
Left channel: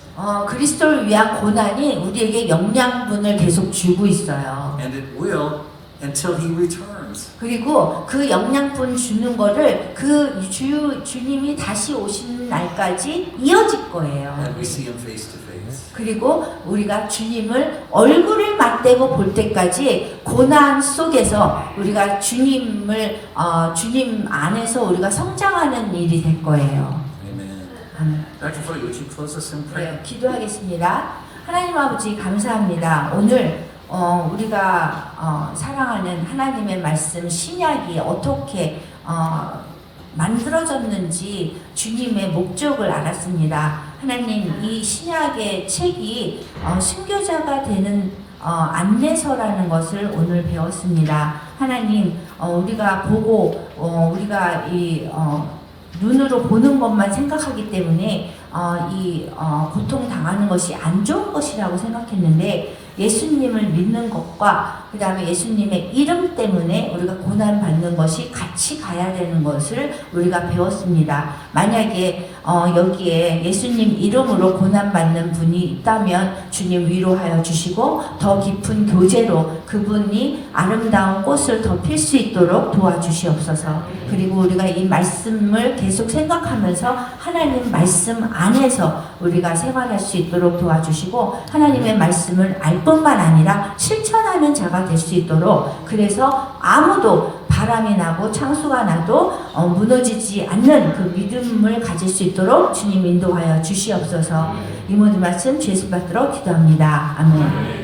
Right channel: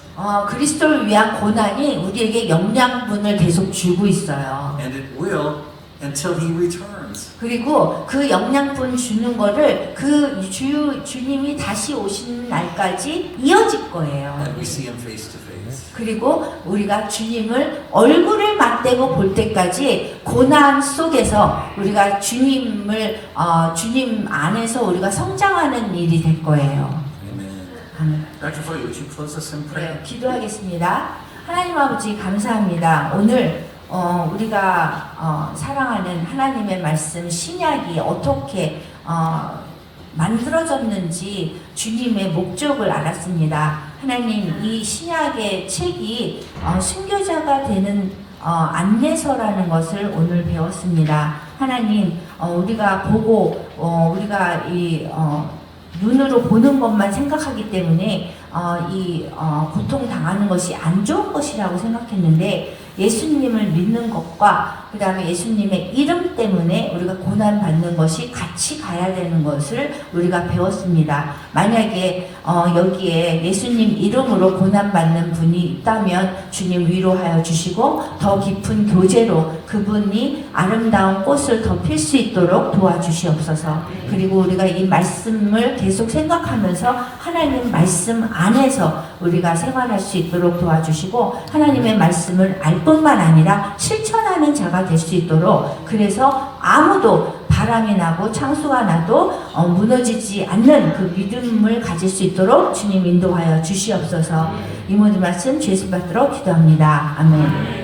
그리스도를 위한 고난이 우리에게 영양분을 계속 주고 있어요. And it will until He returns. 그리고 그 영양분 주는 거를 그 주님이 다시 오시는 날까지 이어질 거예요. And we see Him face to face. 그리고 우리가 주님을 얼굴을 맞대고 볼 때까지 고난 속에서 우리가 주님 안에서 우리가 성장하는 일이 될 거예요. Amen. Dr. Floyd, would you close us in prayer? 네, 기도하겠습니다. 하나님 아버지 감사합니다. 오늘 우리가 사랑하는 하나님의 말씀 신약이 어떻게 만들어졌는지 주님의 목적을 알았습니다. 하나님 이 신약의 책이 순교자가 되는 안내서라는 것을 오늘 배웠습니다. 하나님 우리가 보고 우리가 이 눈으로 보는 것만 생각하기 때문에 고통 당하는 것이 안 좋은 것이라고 생각했는데 예수님을 믿는 것과 그 다음에 예수님의 이름 때문에 우리가 고난 받는 것이 같이 가야 되는 것을 우리가 배웠습니다. 만약에 여기에 예수님 이름으로 고난 받는 분이 있다면 주님 위로하여 주시고 더 깊은 교제로 그분이 아름다운 꽃을 더 필 수 있도록 도와주시옵소서. 그리고 우리가 이 말씀을 계속 생각하면서 하나님 말씀 안에서 우리가 생활할 수 있도록 도와주시고 하나님의 말씀을 알 뿐만 아니라 실천하는 자가 될 수 있도록, 그래서 아무도 바람이 나고 창수가 나도 무너지지 않는 그 믿음을 가질 수 있도록 주님 인도하여 주시옵소서. 이 모든 말씀 예수 받도록 기도합니다. 아멘.